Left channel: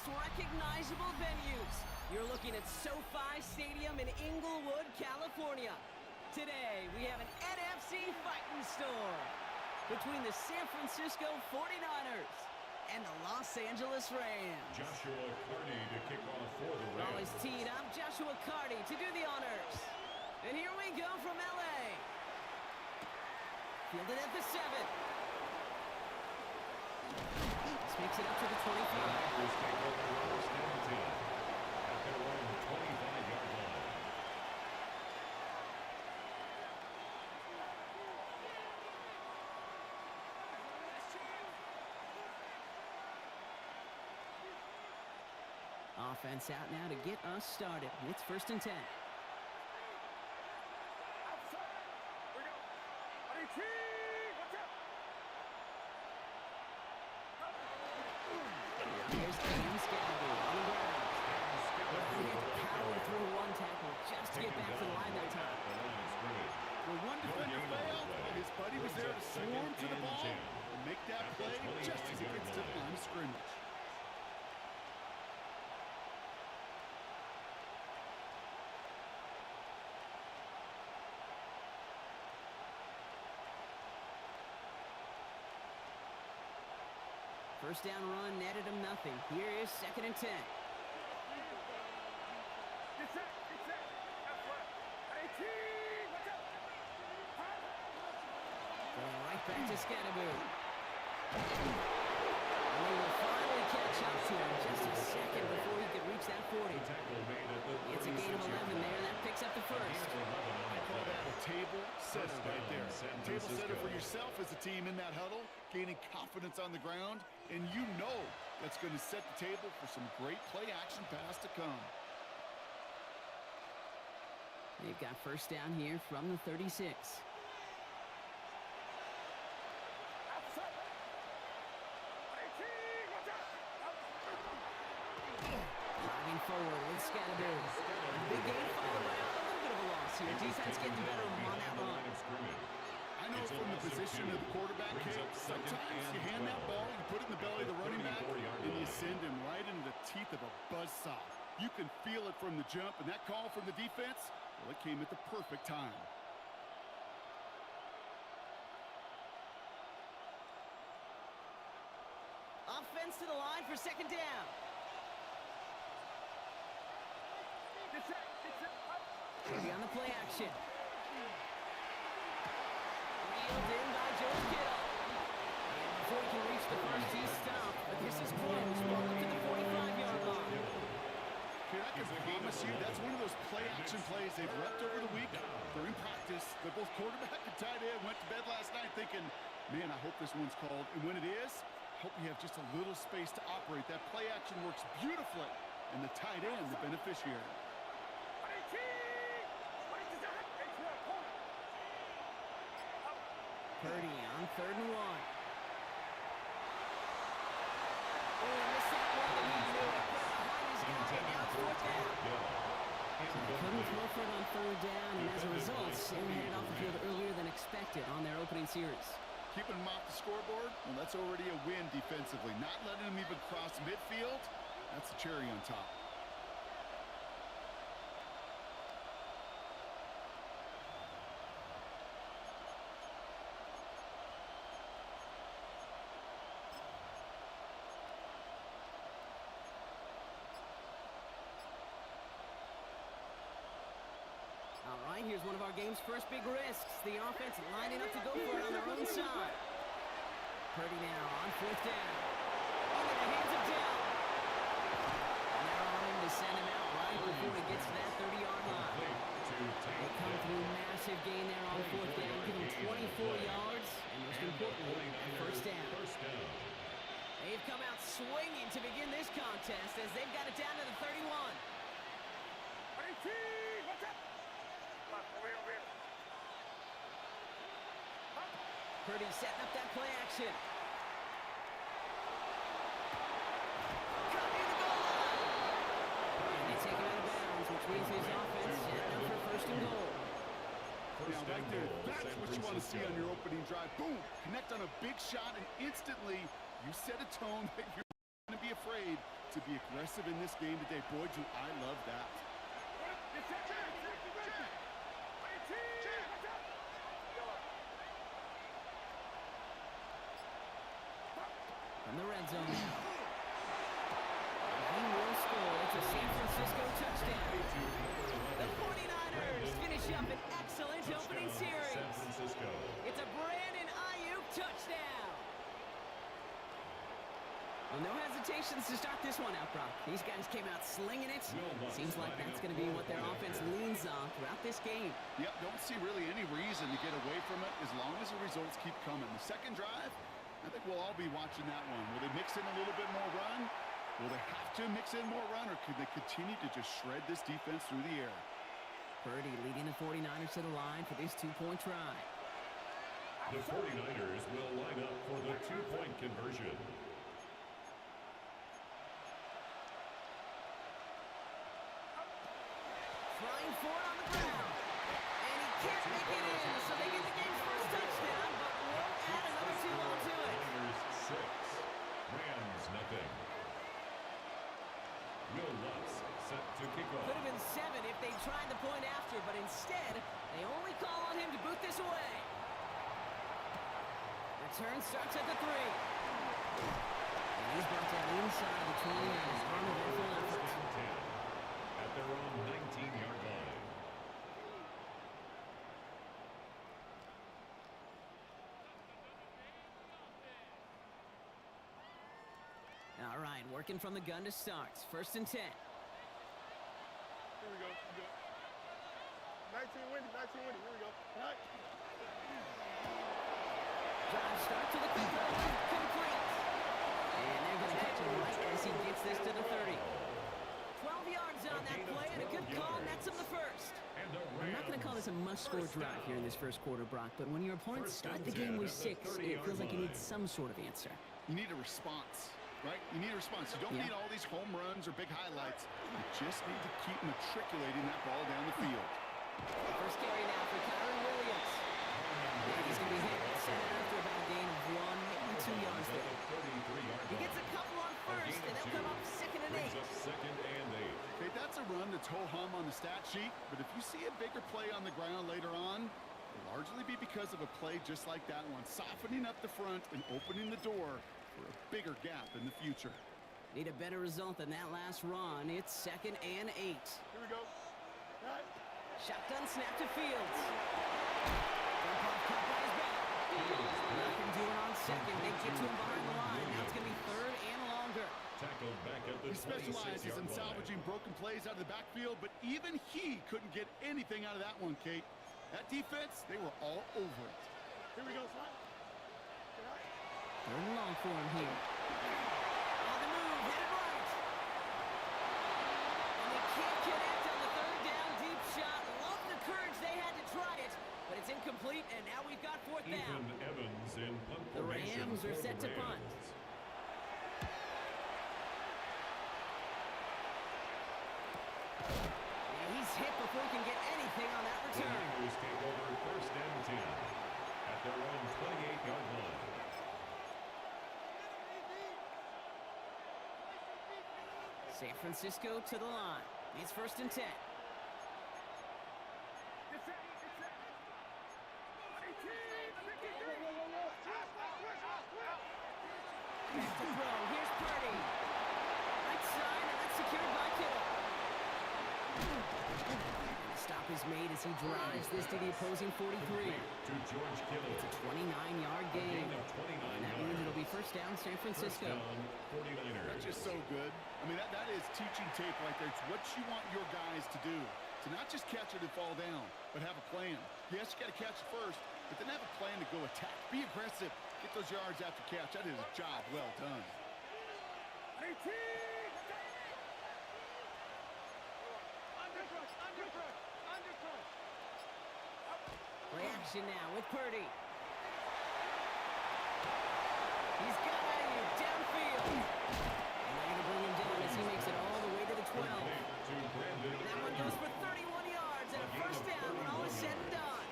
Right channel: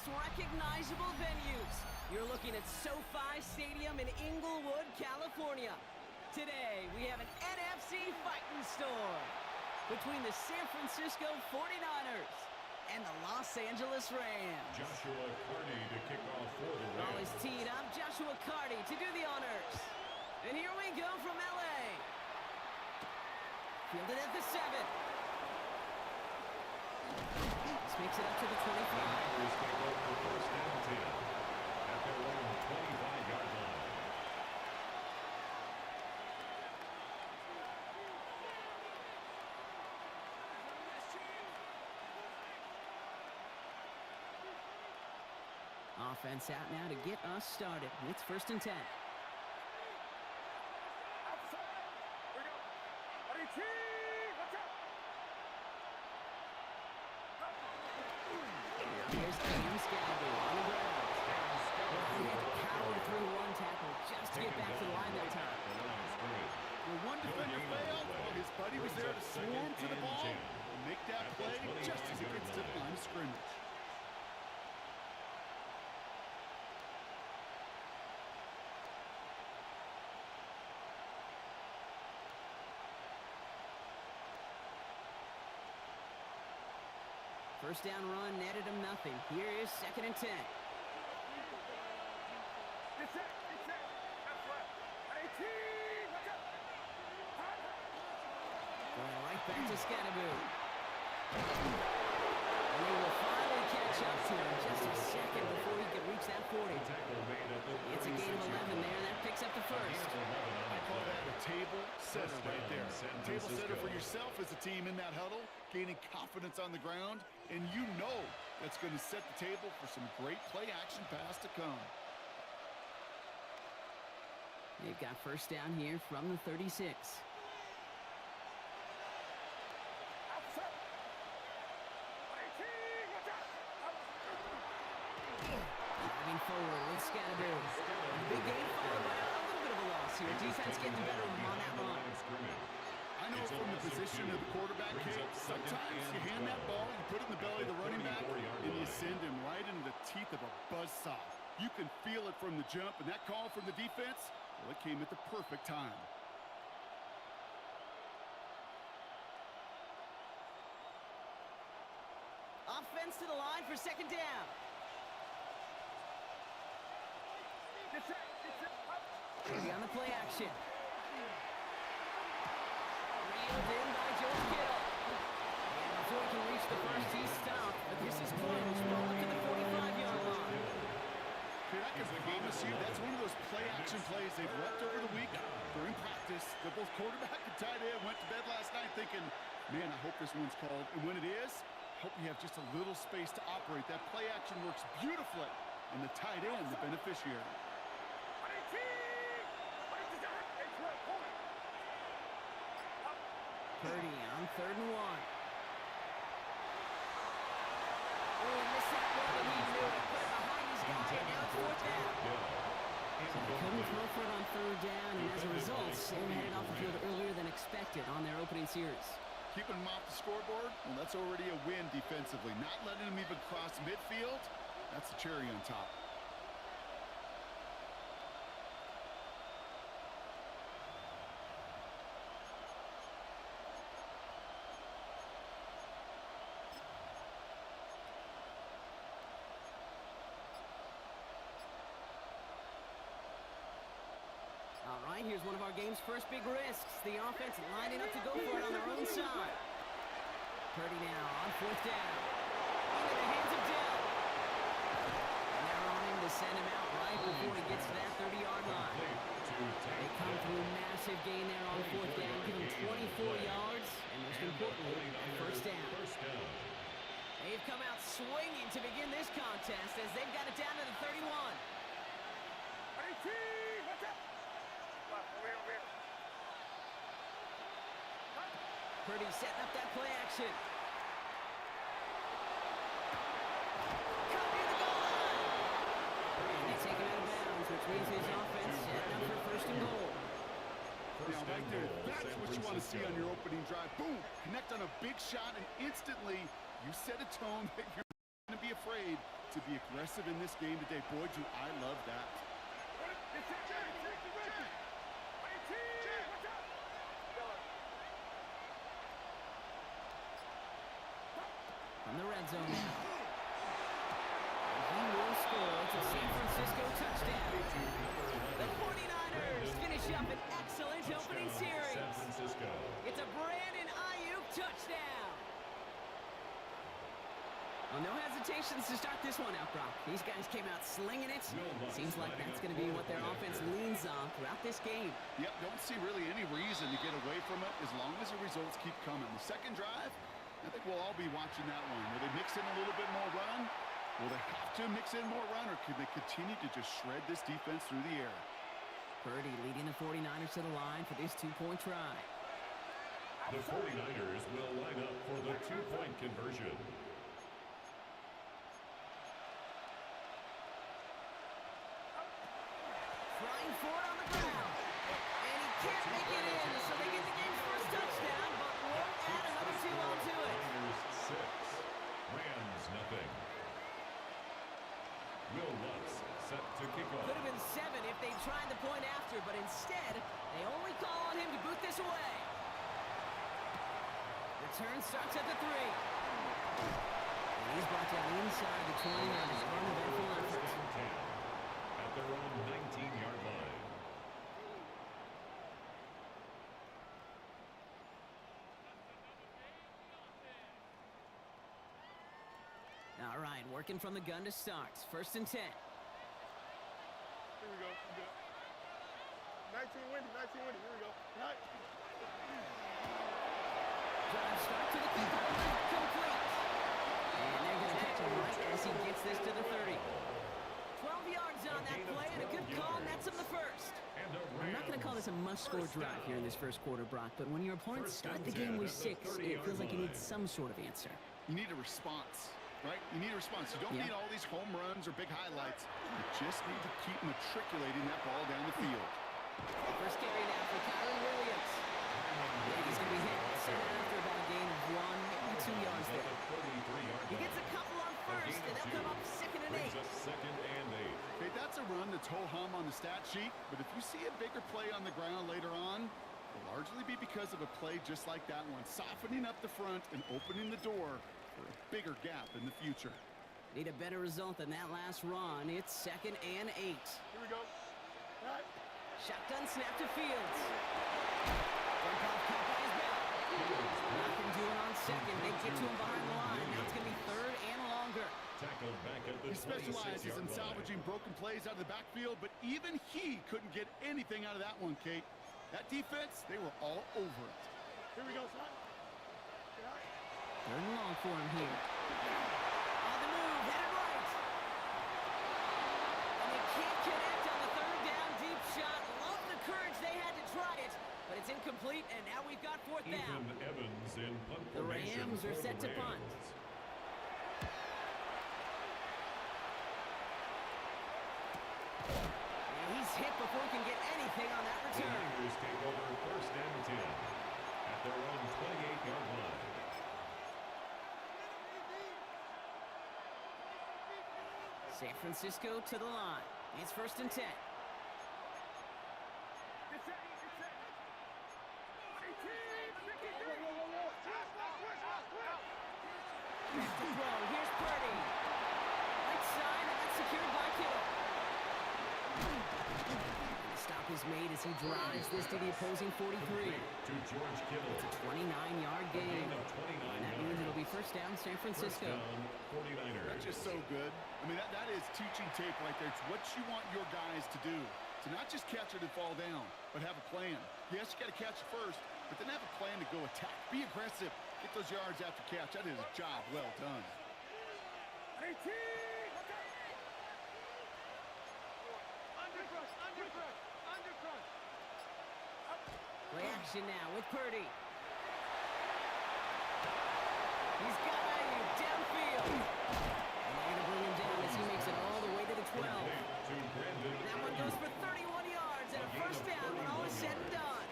most recognizable venues. You're looking at SoFi Stadium in Inglewood, California. Today, we have an NFC fighting storm between the San Francisco 49ers and the Los Angeles Rams. Joshua Carty to kick off for the Rams. Ball is teed up. Joshua Carty to do the honors. And here we go from L.A. Fielded at the 7. This makes it up to the 25. Packers take over first and 10 at their own 25-yard line. Offense out now to get us started. It's first and 10. Here's Cam Scadaboo on the ground. He had to power through one tackle just to get back to the line that time. When one defender failed, his buddy was there to swarm to the ball and make that play just as it gets to the line of scrimmage. First down run netted him nothing. Here is second and 10. Going right back to Scadaboo. And he will finally catch up to him just a second before he could reach that 40. It's a gain of 11 there. That picks up the first. I call that a table setter right there. Table setter for yourself as a team in that huddle, gaining confidence on the ground, and you know that's going to set the table for some great play action pass to come. They've got first down here from the 36. Driving forward with Scadaboo. Big game followed by a little bit of a loss here. Defense getting the better of him on that run. I know from the position of the quarterback, Kate, sometimes you hand that ball, you put it in the belly of the running back, and you send him right into the teeth of a buzzsaw. You can feel it from the jump, and that call from the defense, well, it came at the perfect time. Offense to the line for second down. Maybe on the play action. Reeled in by George Kittle. And before he can reach the first, he's stopped. But this is close. Ball up to the 45-yard line. Here, I can promise you that's one of those play-action plays they've repped over the week. During practice, that both quarterback and tight end went to bed last night thinking, man, I hope this one's called. And when it is, I hope you have just a little space to operate. That play action works beautifully, and the tight end, the beneficiary. Purdy on 3rd and 1. Oh, he missed that one, and he knew it. Put it behind his guy, and now it's 4th down. So they couldn't throw for it on 3rd down, and as a result, Sam headed off the field earlier than expected on their opening series. Keeping them off the scoreboard, well, that's already a win defensively. Not letting them even cross midfield, that's the cherry on top. All right, here's one of our game's first big risks. The offense lining up to go for it on their own side. Purdy now on 4th down. Into the hands of Dell. And they're on him to send him out right before he gets to that 30-yard line. They come through massive gain there on 4th down, give him 24 yards, and most importantly, first down. They've come out swinging to begin this contest as they've got it down to the 31. Purdy setting up that play action. Cut near the goal line. And they take him out of bounds, which means his offense setting up for 1st and goal. Now, right there, that's what you want to see on your opening drive. Boom! Connect on a big shot, and instantly you set a tone that you're not going to be afraid to be aggressive in this game today. Boy, do I love that. From the red zone now. He will score. It's a San Francisco touchdown. The 49ers finish up an excellent opening series. San Francisco. It's a Brandon Ayuk touchdown. Well, no hesitations to start this one out, Brock. These guys came out slinging it. Seems like that's going to be what their offense leans on throughout this game. Yep, don't see really any reason to get away from it as long as the results keep coming. The second drive, I think we'll all be watching that one. Will they mix in a little bit more run? Will they have to mix in more run, or can they continue to just shred this defense through the air? Purdy leading the 49ers to the line for this two-point try. The 49ers will line up for the two-point conversion. Trying for it on the ground. And he can't make it in, so they get the game's first touchdown, but won't add another two onto it. Niners 6, Rams nothing. Will Lutz set to kick off. Could have been 7 if they tried the point after, but instead, they only call on him to boot this away. Return starts at the 3. And he's brought down inside the 29ers on the eventful effort. First and 10 at their own 19-yard line. All right, working from the gun to start. First and 10. Here we go. 19 winning. Here we go. All right. Drive start to the keeper, complete. And they're going to catch him right as he gets this to the 30. 12 yards on that play, and a good call nets him the first. I'm not going to call this a must-score drive here in this first quarter, Brock, but when your opponents start the game with 6, it feels like you need some sort of answer. You need a response, right? You need a response. You don't need all these home runs or big highlights. You just need to keep matriculating that ball down the field. First carry now for Kyron Williams. And he's going to be hit set after about a gain of 1, maybe 2 yards there. He gets a couple on first, and they'll come up second and 8. Second and 8. Okay, that's a run that's ho-hum on the stat sheet, but if you see a bigger play on the ground later on, it'll largely be because of a play just like that one, softening up the front and opening the door for a bigger gap in the future. Need a better result than that last run. It's second and 8. Here we go. All right. Shotgun snap to Fields. Dump off caught by his belt. Nothing doing on second. They get to him behind the line. Now it's going to be third and longer. Tackled back at the He specializes in salvaging broken plays out of the backfield, but even he couldn't get anything out of that one, Kate. That defense, they were all over it. Here we go, son. Third and long for him here. On the move, headed right. And they can't connect on the third down deep shot. Love the courage they had to try it, but it's incomplete, and now we've got fourth down. Ethan Evans in punt The formation Rams are for set the to punt. Rams. And he's hit before he can get anything on that The return. Niners take over first and 10 at their own 28-yard line. San Francisco to the line. It's first and 10. Back to throw. Here's Purdy. Right side, and that's secured by Kittle. Stop is made as he drives this to the opposing 43. To George Kittle. It's a 29-yard gain. Gain of 29 And that means it'll be first down San Francisco. First down, 49ers. That's just so good. I mean, that is teaching tape right there. It's what you want your guys to do. To not just catch it and fall down, but have a plan. Yes, you got to catch it first, but then have a plan to go attack. Be aggressive. Get those yards after catch. That is a job well done. 18! Under crush. Play action now with Purdy. He's got Ayuk downfield. And they're going to bring him down as he makes it all the way to the 12. To Brandon. That one goes for 31 yards and a first down when all is said and done.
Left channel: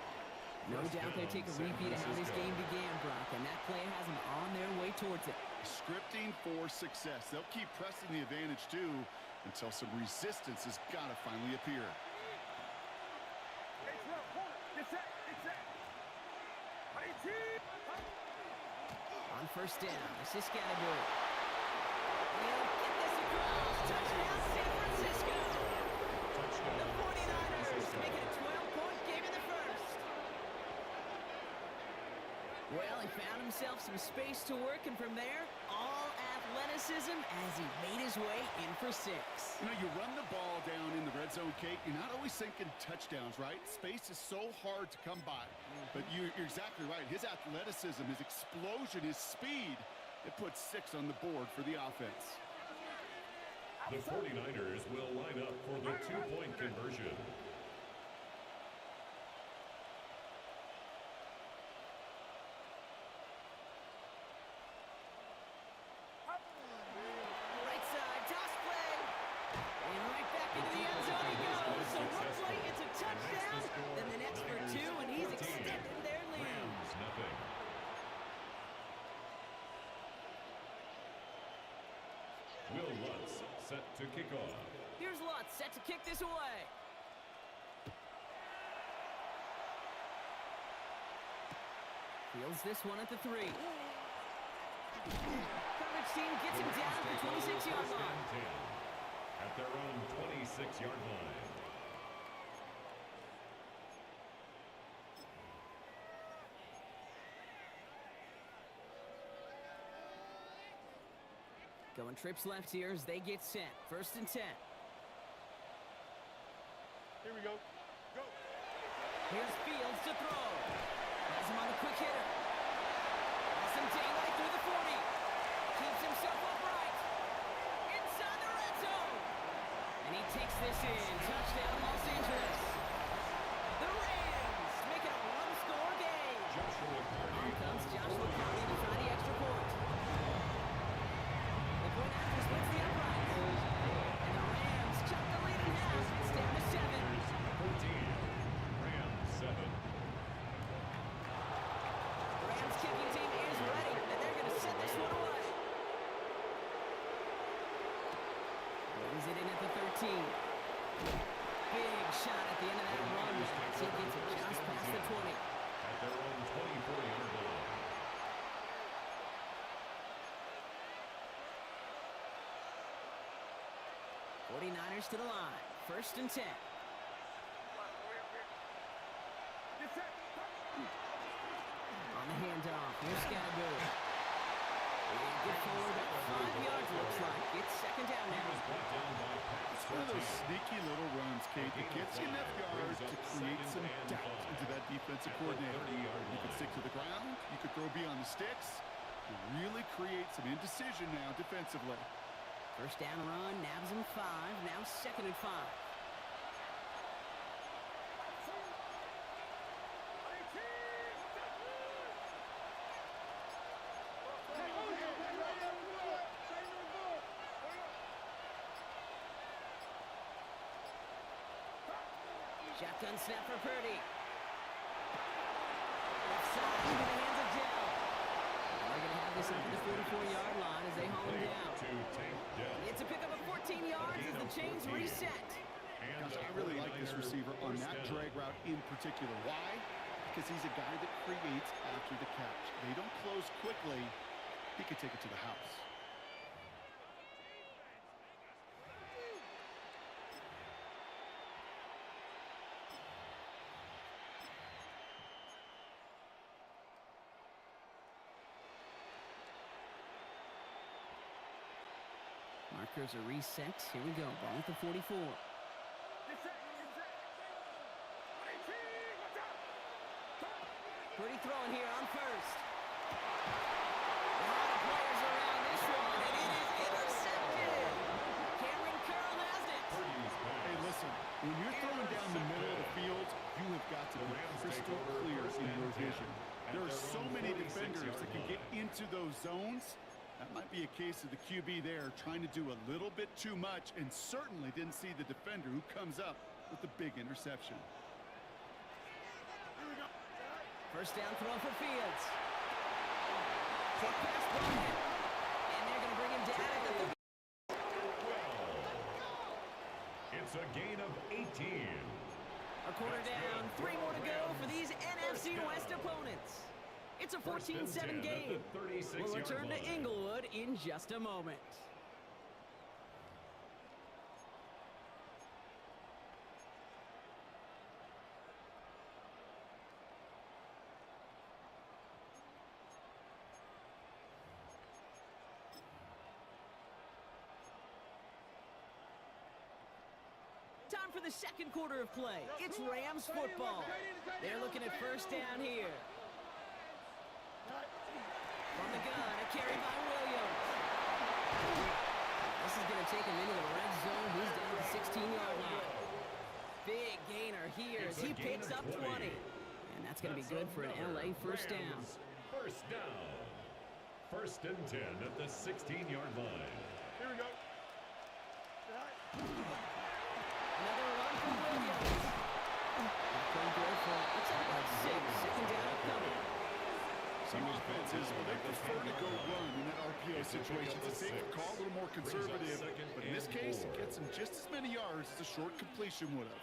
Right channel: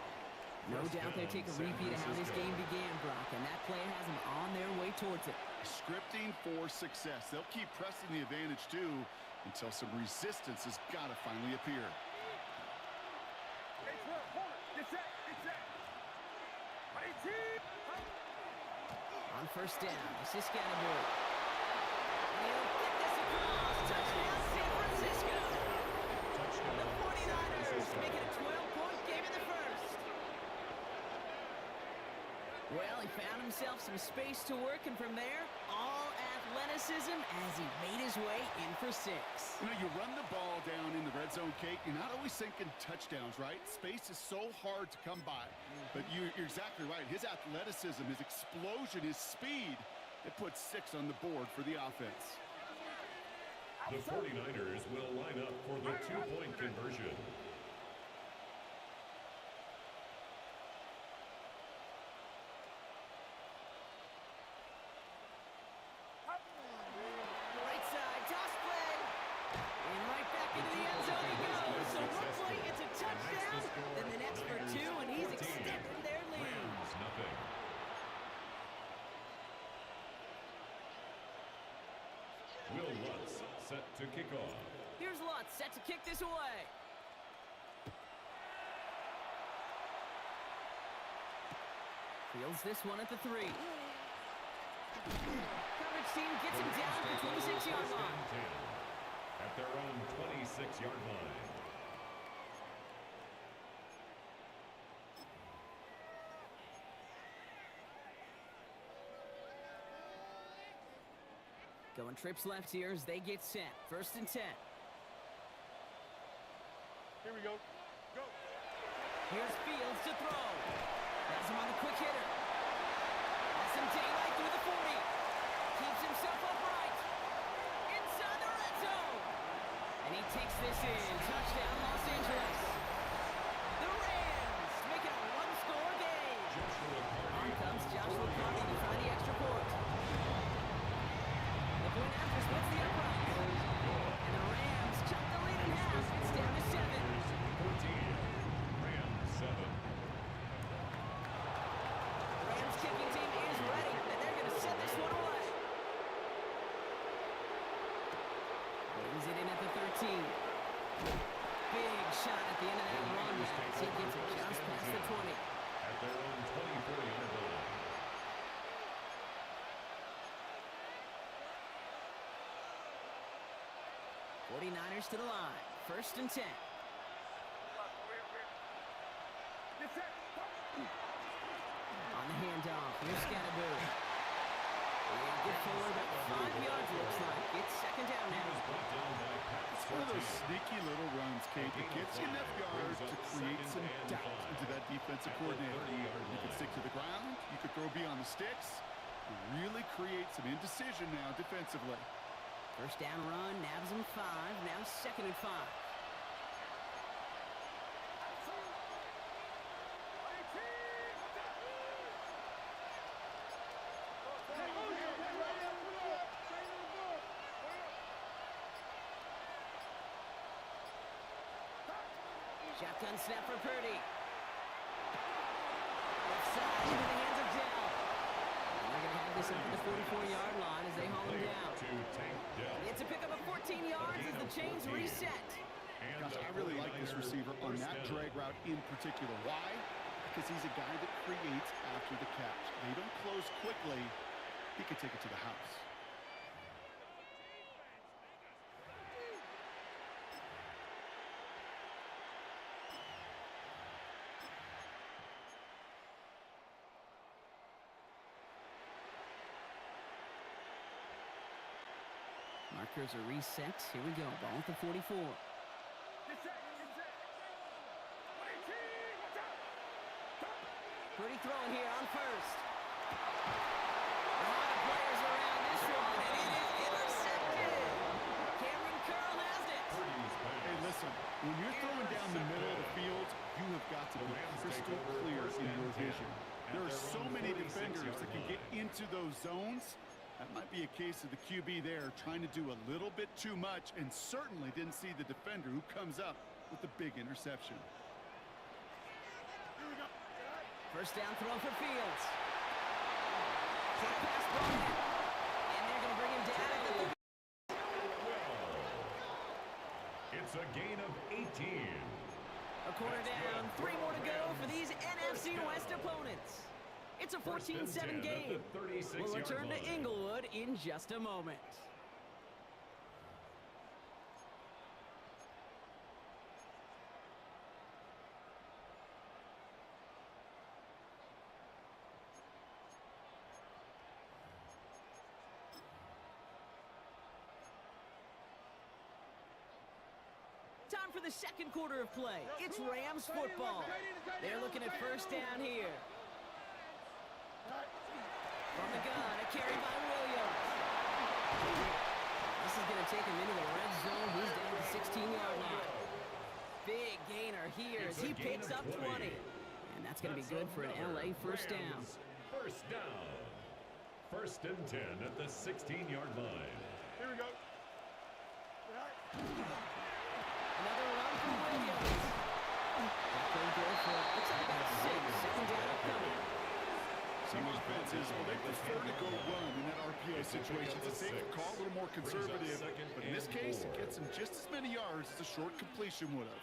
No doubt they take a repeat of how this game began, Brock, and that play has them on their way towards it. Scripting for success. They'll keep pressing the advantage, too, until some resistance has got to finally appear. Hey, 12, hold it. Get set. Get set. 18. On first down, this is Scannaboo. And he'll get this across. Touchdown, San Francisco. The 49ers make it a 12-point game in the first. Well, he found himself some space to work, and from there, all athleticism as he made his way in for 6. You know, you run the ball down in the red zone, Kate, you're not always thinking touchdowns, right? Space is so hard to come by. But you're exactly right. His athleticism, his explosion, his speed, it puts 6 on the board for the offense. The 49ers will line up for the 2-point conversion. Right side, toss play. And right back into the end zone he goes. So one play, it's a touchdown. Then the next for 2, and he's extending their lead. Rams, nothing. Will Lutz set to kick off. Here's Lutz set to kick this away. Fields this one at the 3. Coverage team gets him down at the 26-yard line. At their own 26-yard line. Going trips left here as they get set. First and 10. Here we go. Go. Here's Fields to throw. Has him on the quick hitter. Has some daylight through the 40. Keeps himself upright. Inside the red zone. And he takes this in. Touchdown, Los Angeles. The Rams make it a one-score game. On comes Joshua Carney to try the extra point. The point after splits the upright. And the Rams chop the lead in half. It's down to 7. 14. Rams 7. The Rams kicking team is ready, and they're going to send this one away. Brings it in at the 13. Big shot at the end of that run. He gets it just past the 20. At their own 24-yard line. 49ers to the line. First and 10. Get set. On the handoff, here's Scannaboo. And get forward about 5 yards, looks like. It's second down He now. was brought down by Pat It's one of those sneaky little runs, Kate, that gets you enough yards to create some doubt into that defensive coordinator. You could stick to the ground. You could throw beyond the sticks. You really create some indecision now defensively. First down run, nabs him 5. Now second and 5. Shotgun snap for Purdy. Left side into the hands of Dell. And they're going to have this up at the 44-yard line as they haul him down. It's a pickup of 14 yards as the chains reset. Gosh, I really like this receiver on that drag route in particular. Why? Because he's a guy that creates after the catch. They don't close quickly. He could take it to the house. Markers are reset. Here we go. Ball at the 44. Purdy throwing here on first. A lot of players around this one, and it is intercepted. Cameron Curl has it. Hey, listen, when you're throwing down the middle of the field, you have got to be crystal clear in your vision. There are so many defenders that can get into those zones. That might be a case of the QB there trying to do a little bit too much and certainly didn't see the defender who comes up with the big interception. First down throw for Fields. Short pass brought in. they're going to bring him down at the 30. It's a gain of 18. A quarter down, 3 more to go for these NFC West opponents. It's a 14-7 game. We'll return to Inglewood in just a moment. Time for the second quarter of play. It's Rams football. They're looking at first down here. From the gun, a carry by Williams. This is going to take him into the red zone. He's down to the 16-yard line. Big gainer here as he picks up 20. And that's going to be good for an LA first down. First down. First and 10 at the 16-yard line. Here we go. Another run for Williams. Pretty good for, looks like about 6. Second down upcoming. Some offenses, well, they prefer to go run in that RPO situation. It's a safer call, a little more conservative. But in this case, it gets him just as many yards as a short completion would have.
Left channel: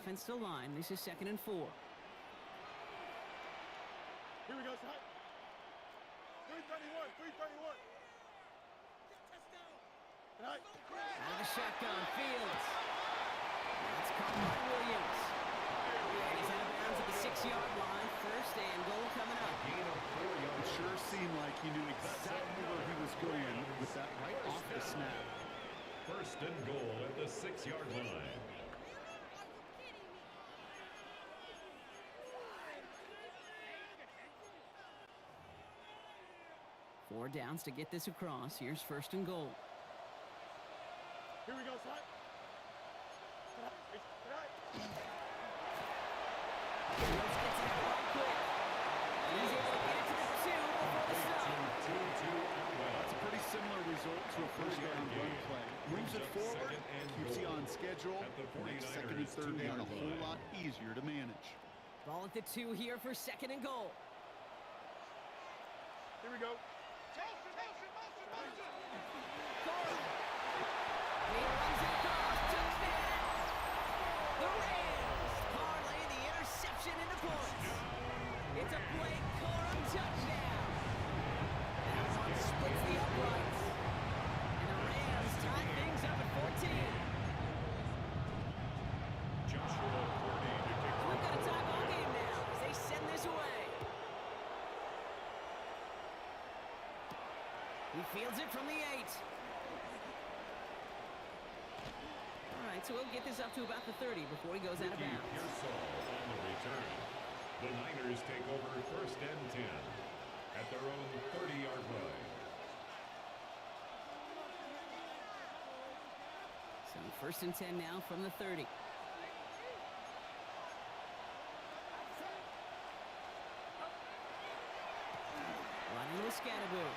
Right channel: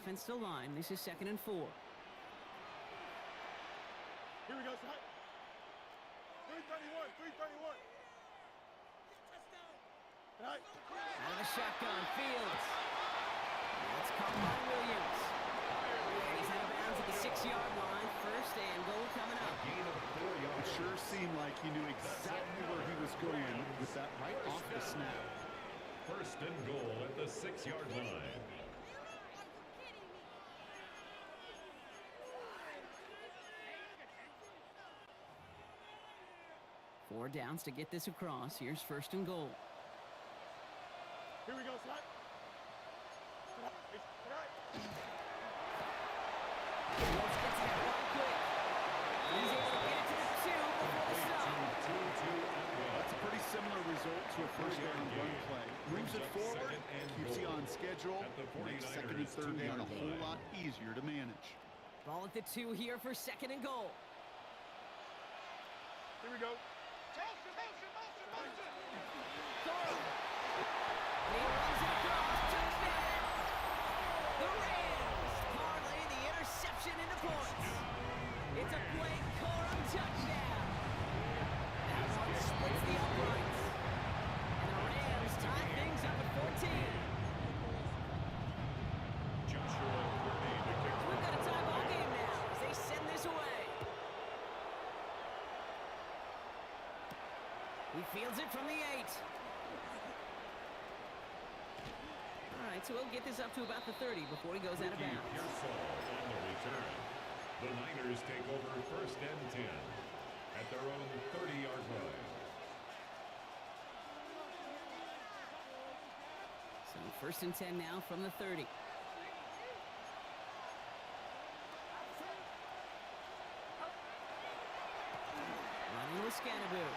Offensive line. This is 2nd and 4. Here we go, Scott. 331, 331. Out of the shotgun, Fields. That's caught by Williams. And he's out of bounds at the 6-yard line. First and goal coming up. It sure seemed like he knew exactly where he was going with that right off the snap. First and goal at the 6-yard line. Four downs to get this across. Here's first and goal. Here we go, Scott. Let's get to that line quick. He's able to get it to the 2 before the stop. That's a pretty similar result to a first down run play. Moves it forward, keeps you on schedule, makes second and third down a whole lot easier to manage. Ball at the 2 here for second and goal. Here we go. Cora. He runs it across. Touchdown. The Rams parlay the interception into points. It's a Blake Corum touchdown. That one splits the uprights. And the Rams tie things up at 14. Joshua Purdy to kick So we've got a tie ball game now as they send this away. He fields it from the 8. All right, so we'll get this up to about the 30 before he goes out of bounds. Pearsall on the return. The Niners take over first and 10 at their own 30-yard line. So first and 10 now from the 30. Running with Scannaboo.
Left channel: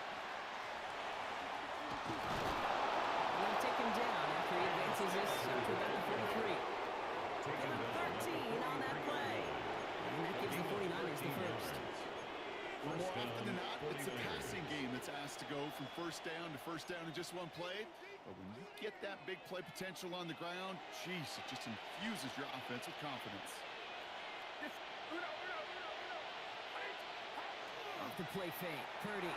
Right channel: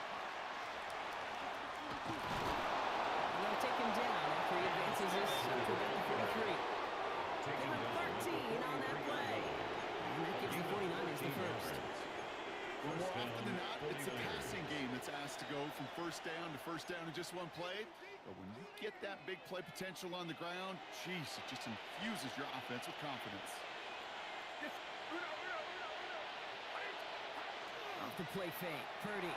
They're going to take him down after he advances this up to about the 43. Give him 13 on that play. And that gives the 49ers the first. Well, more often than not, it's a passing game that's asked to go from first down in just one play. But when you get that big play potential on the ground, geez, it just infuses your offense with confidence. Off the play fake, Purdy.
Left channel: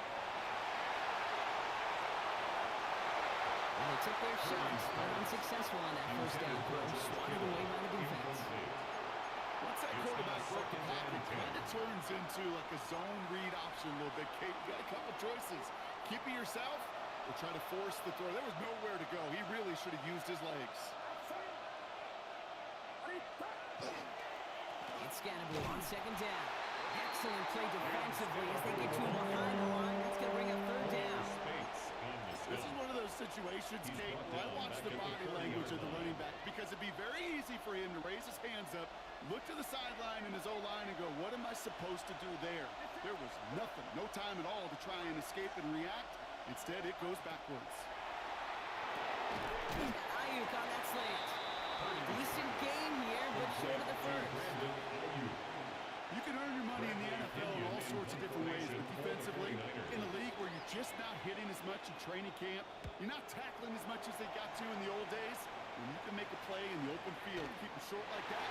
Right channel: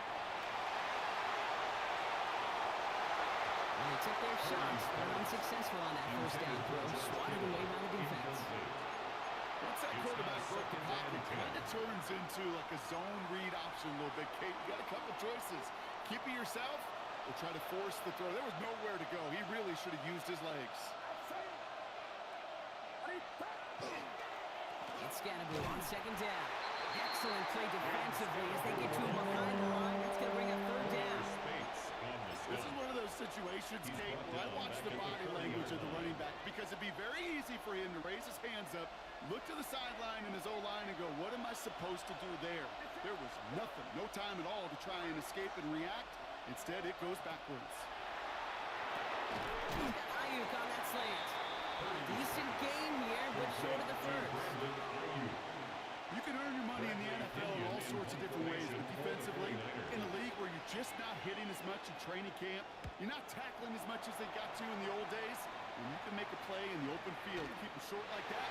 And they took their shots, but unsuccessful on that first down throw, swatted away by the defense. Once that quarterback broke the pocket, it kind of turns into like a zone read option a little bit. Kate, you got a couple choices. Keep it yourself or try to force the throw. There was nowhere to go. He really should have used his legs. It's Scannaboo on second down. Excellent play defensively as they get to him behind the line. That's going to bring a third down. This is one of those situations, Kate, where I watch the body language of the running back because it'd be very easy for him to raise his hands up, look to the sideline in his O-line and go, what am I supposed to do there? There was nothing, no time at all to try and escape and react. Instead, it goes backwards. He's got Ayuk on that slant. Decent game here, but short of the first. You can earn your money in the NFL in all sorts of different ways, but defensively, in a league where you're just not hitting as much in training camp, you're not tackling as much as they got to in the old days, when you can make a play in the open field, keep it short like that,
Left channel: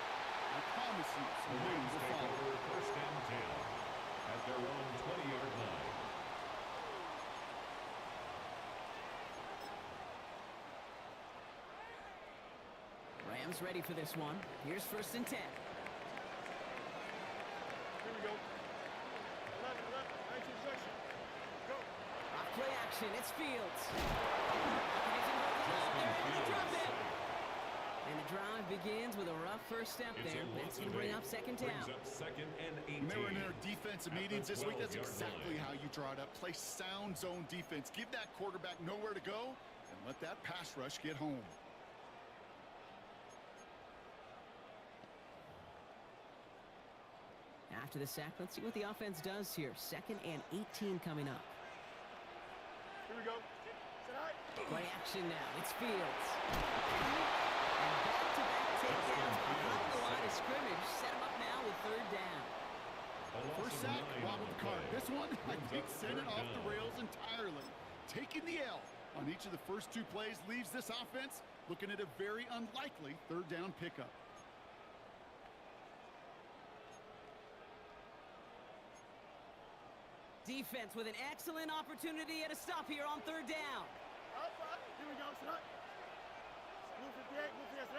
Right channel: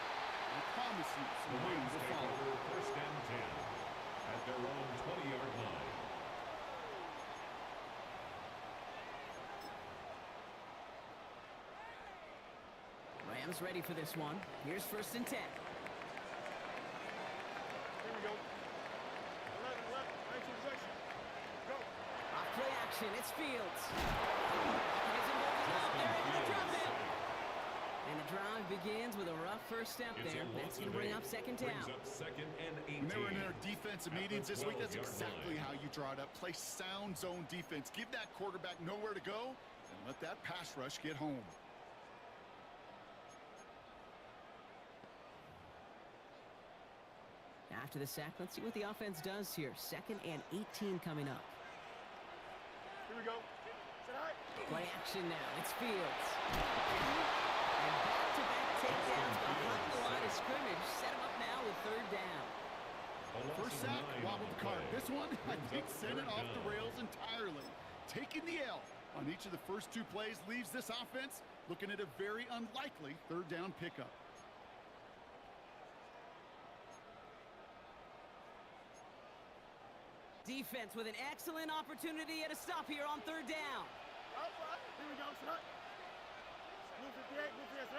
I promise you, some wins will follow. First and 10 at their own 20-yard line. Rams ready for this one. Here's first and 10. Here we go. 11, 19 section. Go. Off play action. It's Fields. Isn't holding up. They're able to drop him. And the drive begins with a rough first step there. That's going to bring up second down. Brings up second and 18. When they were in their defensive meetings this week, that's exactly how you draw it up. Play sound zone defense. Give that quarterback nowhere to go and let that pass rush get home. After the sack, let's see what the offense does here. Second and 18 coming up. Here we go. Set high. Play action now. It's Fields. And back-to-back takedowns behind the line of scrimmage. Set him up now with third down. First sack, wobbled the cart. This one, I think, sent it off the rails entirely. Taking the L on each of the first two plays leaves this offense looking at a very unlikely third down pickup. Defense with an excellent opportunity at a stop here on third down. Outside. Here we go. Set high. Blue 58. Blue 58. Set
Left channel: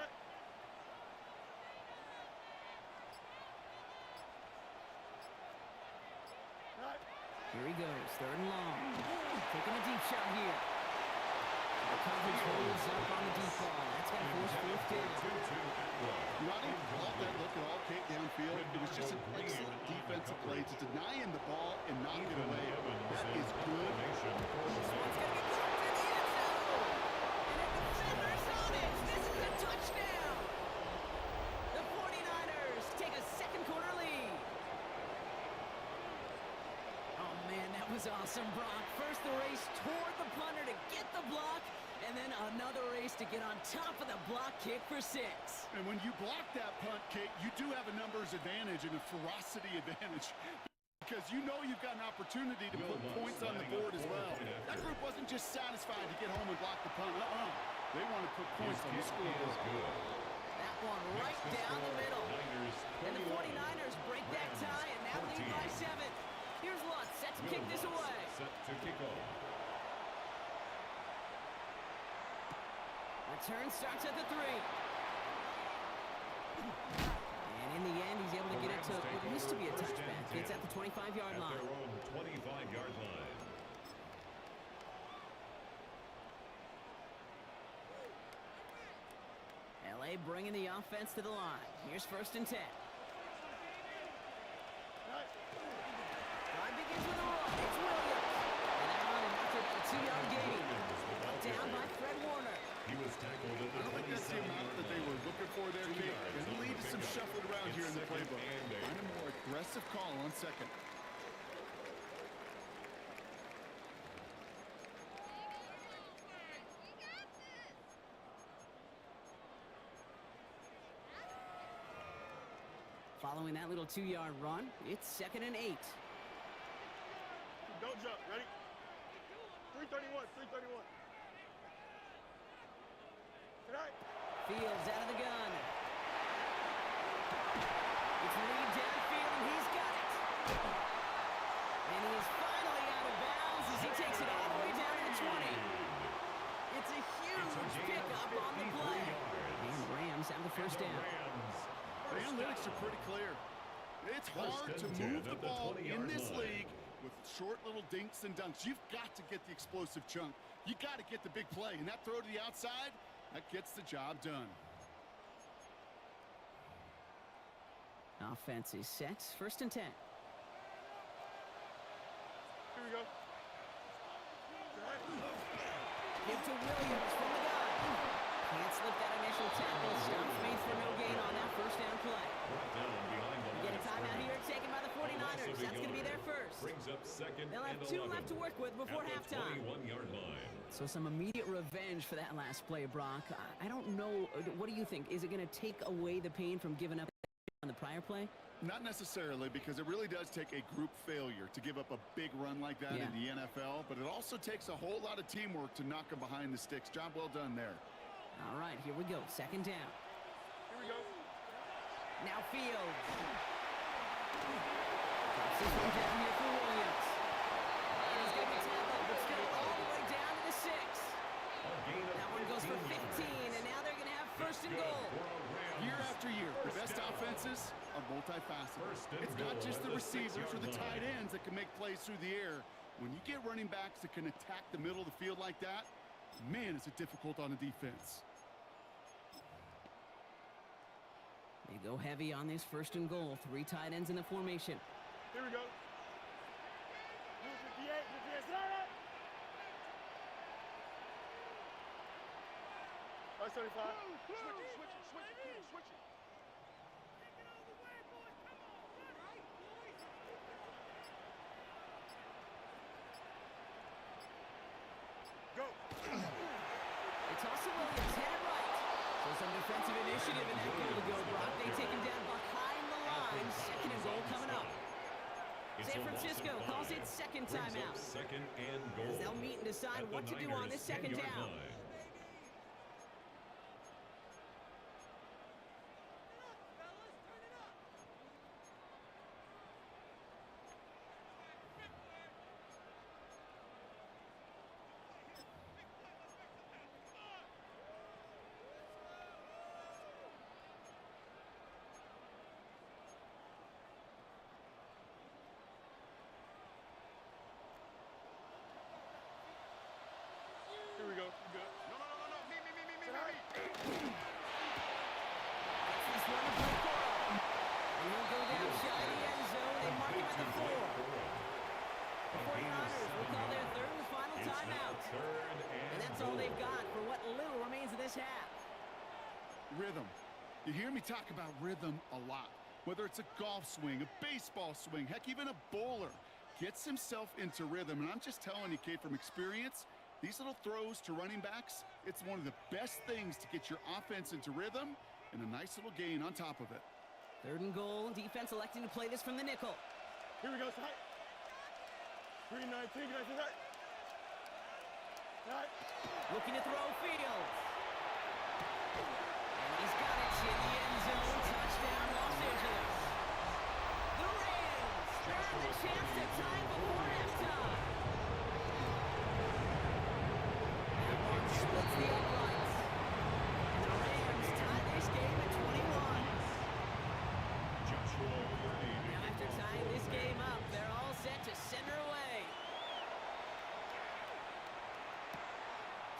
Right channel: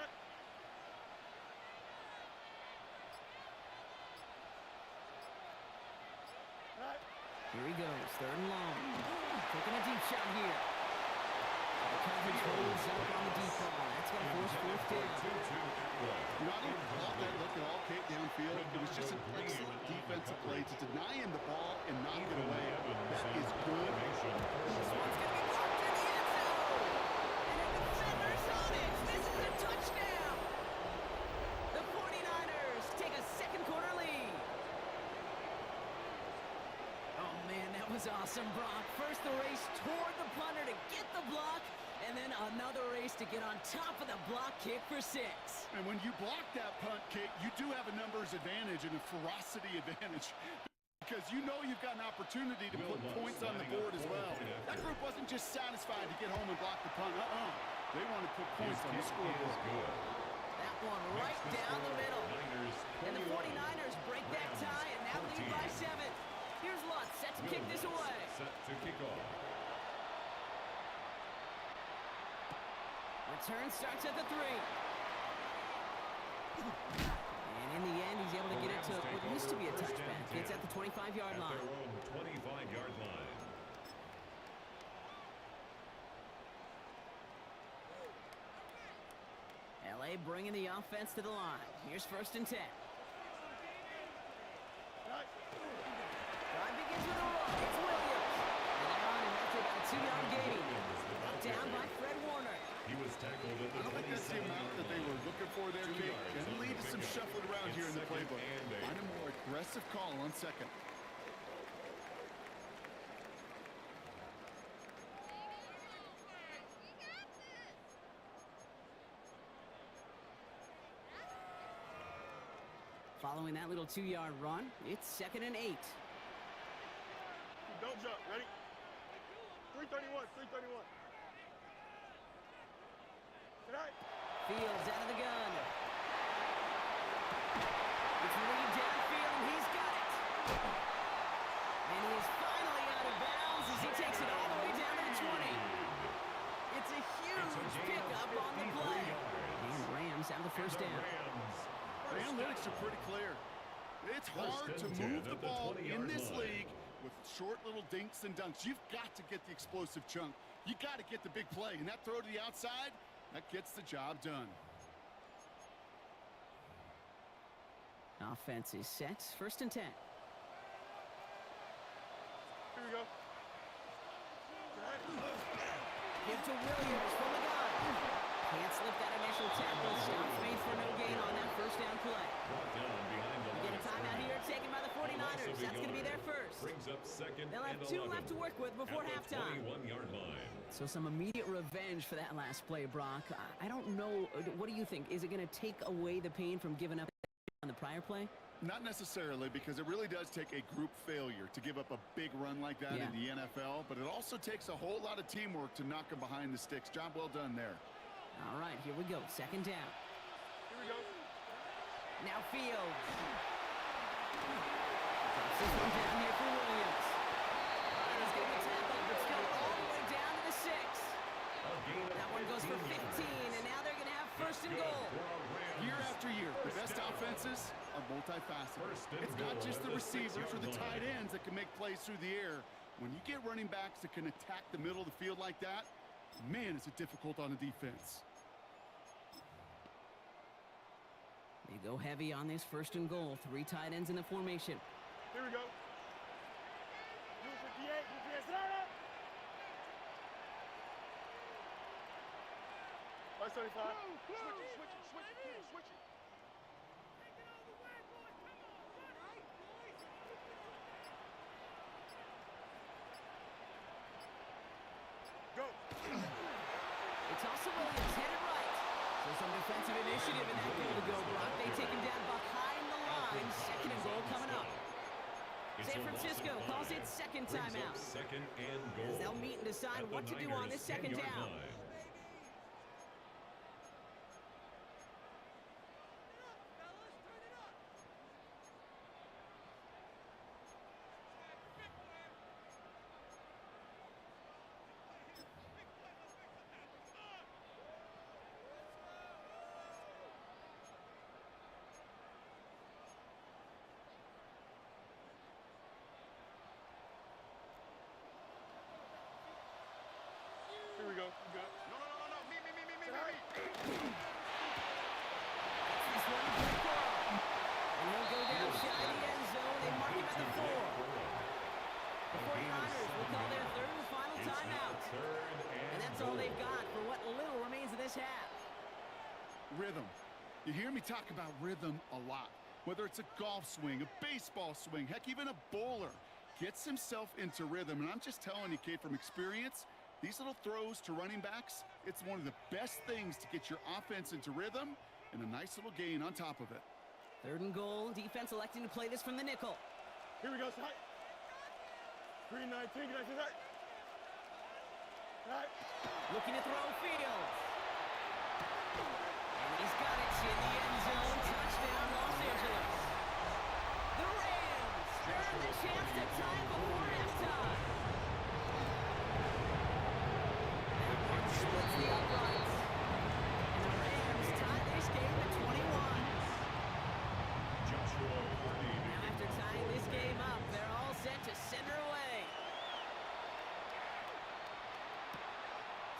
high. Here he goes, third and long. Taking a deep shot here. The coverage holds up on the deep ball. That's going to force fourth down. You know, I don't fault that look at all, Kate, downfield. It was just an excellent defensive play to deny him the ball and knock it away. That is good. This one's going to be blocked in the end zone. And a defender's on it. This is a touchdown. The 49ers take a second quarter lead. Oh, man, that was awesome, Brock. First the race toward the punter to get the block, and then another race to get on top of the block kick for 6. And when you block that punt, Kate, you do have a numbers advantage and a ferocity advantage because you know you've got an opportunity to put points on the board as well. That group wasn't just satisfied to get home and block the punt. They want to put points on the scoreboard. That one right down the middle. And the 49ers break that tie and now lead by 7. Here's Lutz, set to kick this away. Set to kick off. Return starts at the 3. And in the end, he's able to get it to what used to be a touchback. It's at the 25-yard line. At their own 25-yard line. LA bringing the offense to the line. Here's first and 10. Drive begins with a run. It's Williams. And they're on him after about a 2-yard gain. Brought down by Fred Warner. He was tackled at the I don't think that's the amount that they were looking for there, Kate. Going to lead to some shuffling around here in the playbook. Find a more aggressive call on second. Following that little 2-yard run, it's second and 8. Don't jump. Ready? 331. 331. Tonight. Fields out of the gun. It's lead downfield, and he's got it. And he is finally out of bounds as he takes it all the way down to the 20. It's a huge pickup on the play. And Rams have the first down. The analytics are pretty clear. It's hard to move the ball in this league with short little dinks and dunks. You've got to get the explosive chunk. You got to get the big play. And that throw to the outside, that gets the job done. Offense is set. First and 10. Here we go. Tonight. Give to Williams from the gun. Can't slip that initial tackle. Stops Faith for no gain on that first down play. Brought down behind the We get a timeout here at taken by the A loss 49ers. of a That's going to be yard. their first. Brings up second They'll have and 2 11 left to work with before at the halftime. 21-yard line. So some immediate revenge for that last play, Brock. I don't know. What do you think? Is it going to take away the pain from giving up on the prior play? Not necessarily, because it really does take a group failure to give up a big run like that in the NFL, but it also takes a whole lot of teamwork to knock them behind the sticks. Job well done there. All right, here we go. Second down. Here we go. Now Fields. Drops this one down here for Williams. And he's going to be tackled, but still all the way down to the 6. That one goes for 15, and now they're going to have first and goal. Year after year, the best offenses are multifaceted. It's not just the receivers or the tight ends that can make plays through the air. When you get running backs that can attack the middle of the field like that, man, is it difficult on the defense. They go heavy on this first and goal. 3 tight ends in the formation. Here we go. Blue 58, blue 58, sit down. 175. Switch it. Go. They toss to Williams, headed right. So some defensive initiative in that goal to go, Brock. They take him down behind the line. Second and goal coming up. San Francisco calls it second timeout. Second and goal. As they'll meet and decide what to do on this second down. Here we go. You good? No. Me. This one to play Coro. And he'll go down shy of the end zone. They mark him at the 4. The 49ers will call their third and final timeout. And that's all they've got for what little remains of this half. Rhythm. You hear me talk about rhythm a lot. Whether it's a golf swing, a baseball swing, heck, even a bowler gets himself into rhythm. And I'm just telling you, kid, from experience, these little throws to running backs, it's one of the best things to get your offense into rhythm and a nice little gain on top of it. Third and goal. Defense electing to play this from the nickel. Here we go, tight. 319, tight. Tight. Looking to throw Fields. And he's got it in the end zone. Touchdown, Los Angeles. The Rams earn the chance to tie before halftime. That one splits the uprights. And the Rams tie this game at 21. Now after tying this game up, they're all set to center away.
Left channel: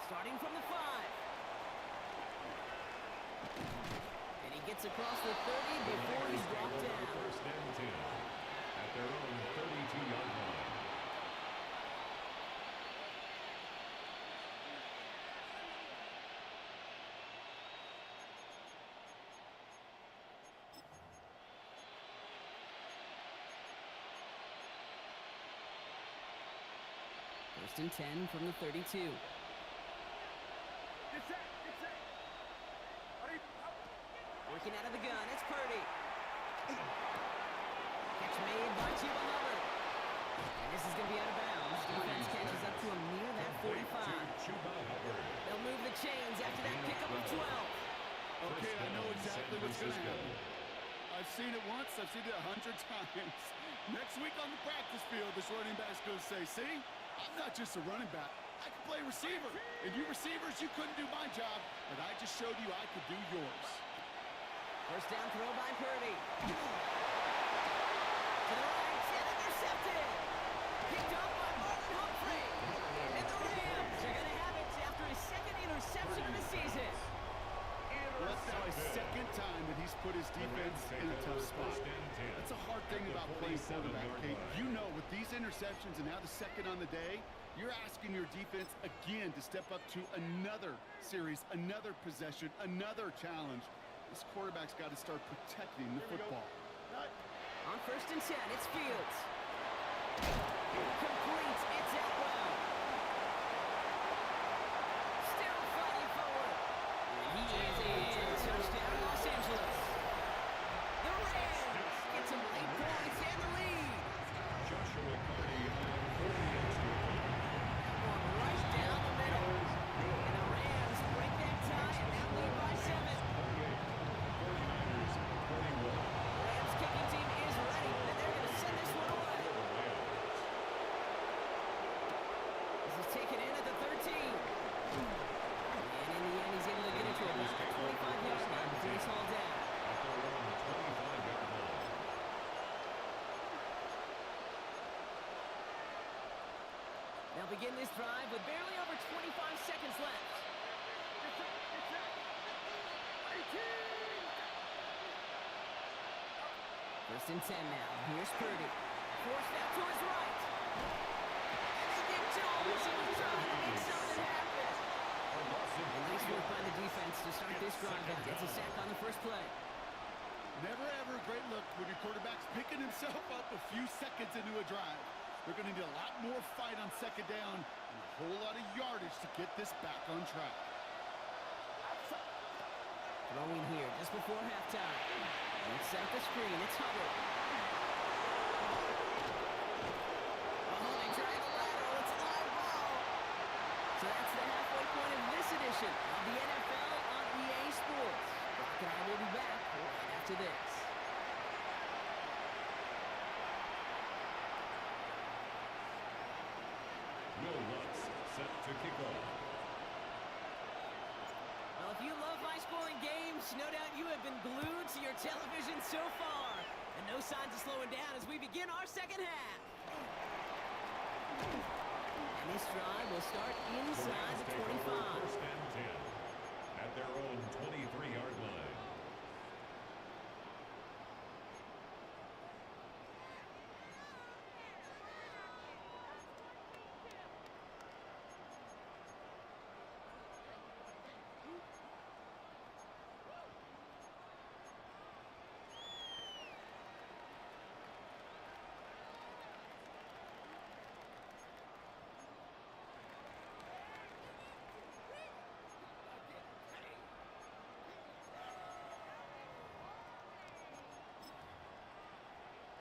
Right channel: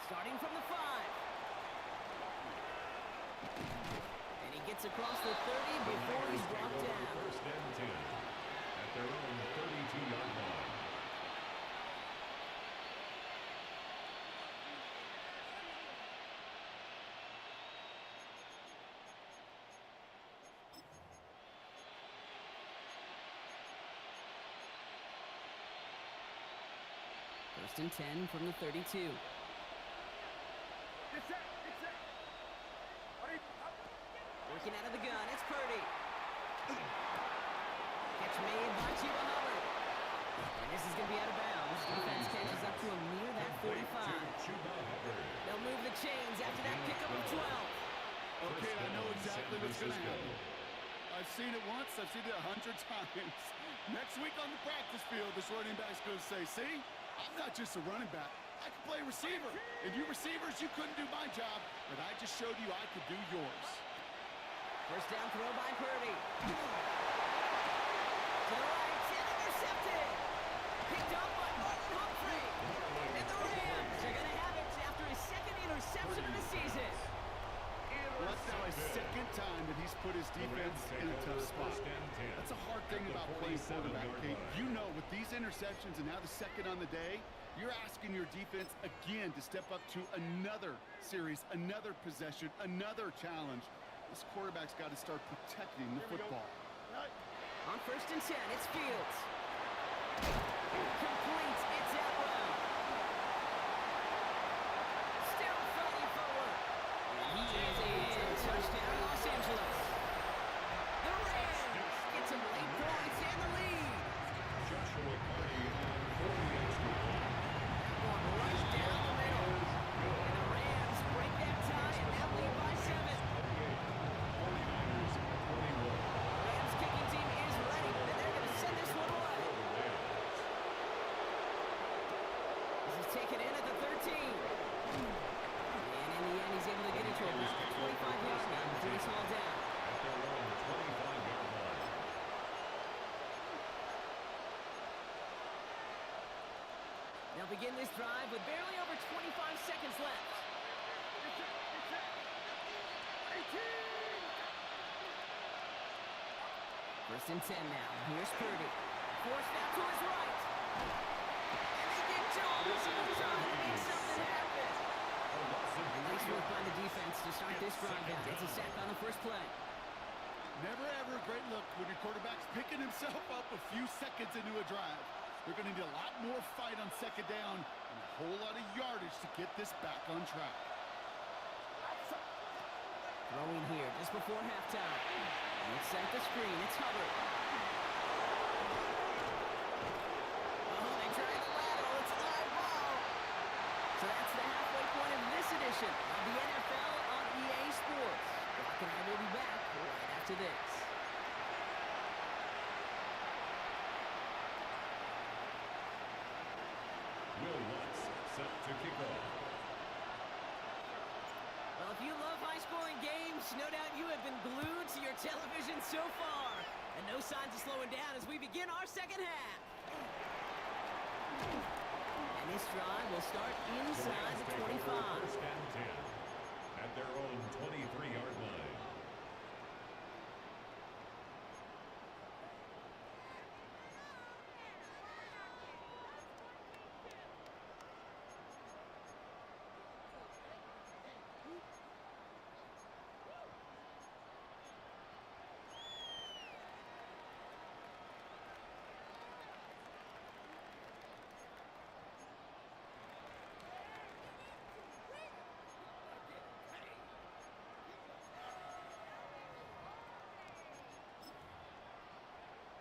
Starting from the 5. And he gets across the 30 before he's brought down. First and 10 at their own 32-yard line. First and 10 from the 32. Get set. Working out of the gun, it's Purdy. Catch made by Chuba Hubbard. And this is going to be out of bounds. Defense catches up to him near that 45. They'll move the chains after that pickup of 12. Okay, I know exactly what's going to happen. I've seen it once, I've seen it 100 times. Next week on the practice field, this running back's going to say, see, I'm not just a running back. I can play receiver. And you receivers, you couldn't do my job, but I just showed you I could do yours. First down throw by Purdy. To the right, and intercepted. Picked up by Marlon Humphrey. And the Rams are going to have it after his second interception of the season. Well, that's now his second time that he's put his defense in a tough spot. That's a hard thing about playing quarterback, Kate. You know, with these interceptions and now the second on the day, you're asking your defense again to step up to another series, another possession, another challenge. This quarterback's got to start protecting the football. On on 1st and 10. It's Fields. Completes. It's Atwell. Still fighting forward. And he is in. Touchdown, Los Angeles. The Rams get some late points and the lead. Joshua Carney on 40 extra points. One right down the middle. And the Rams break that tie and now lead by 7. 49ers 41. The Rams kicking team is ready, and they're going to send this one away. This is taken in at the 13. And in the end, he's able to get it to about the 25-yard line before he's hauled down. At their own 25-yard line. They'll begin this drive with barely over 25 seconds left. First and 10 now. Here's Purdy. Forced out to his right. And they get to him as he was trying to make something happen. Nice work by the defense to start this drive out. It's a sack on the first play. Never ever a great look when your quarterback's picking himself up a few seconds into a drive. They're going to need a lot more fight on 2nd down and a whole lot of yardage to get this back on track. Throwing here just before halftime. Let's set up the screen. It's Hubbard. Oh, they tried the lateral. It's a live ball. So that's the halfway point of this edition of the NFL on EA Sports. Brock and I will be back right after this. Will Lutz set to kick off. Well, if you love high-scoring games, no doubt you have been glued to your television so far. And no signs of slowing down as we begin our second half. And this drive will start inside the 25. First and 10 at their own 23-yard line.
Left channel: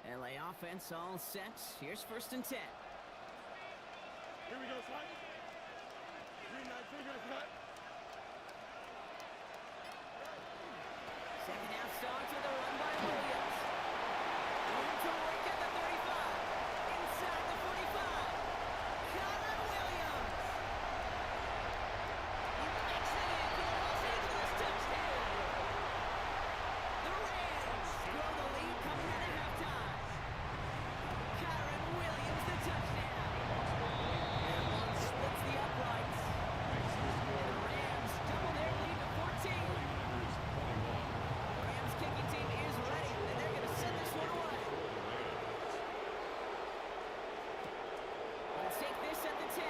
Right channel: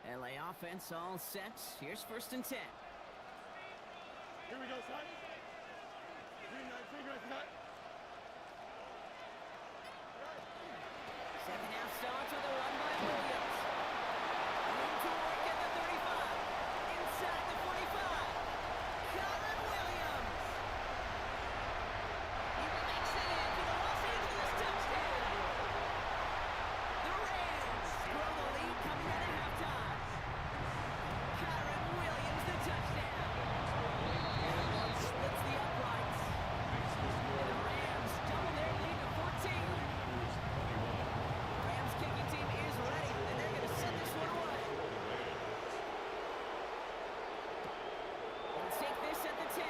LA offense all set. Here's 1st and 10. Here we go, son. Green 19, right cut. Second half starts with a run by Williams. Room to work at the 35. Inside the 45. Kyron Williams. He makes it in for the Los Angeles touchdown. The Rams grow the lead coming out of halftime. Kyron Williams, the touchdown. That one splits the uprights. And the Rams double their lead to 14. 49ers 21. The Rams kicking team is ready, and they're going to send this one away. Let's take this at the 10.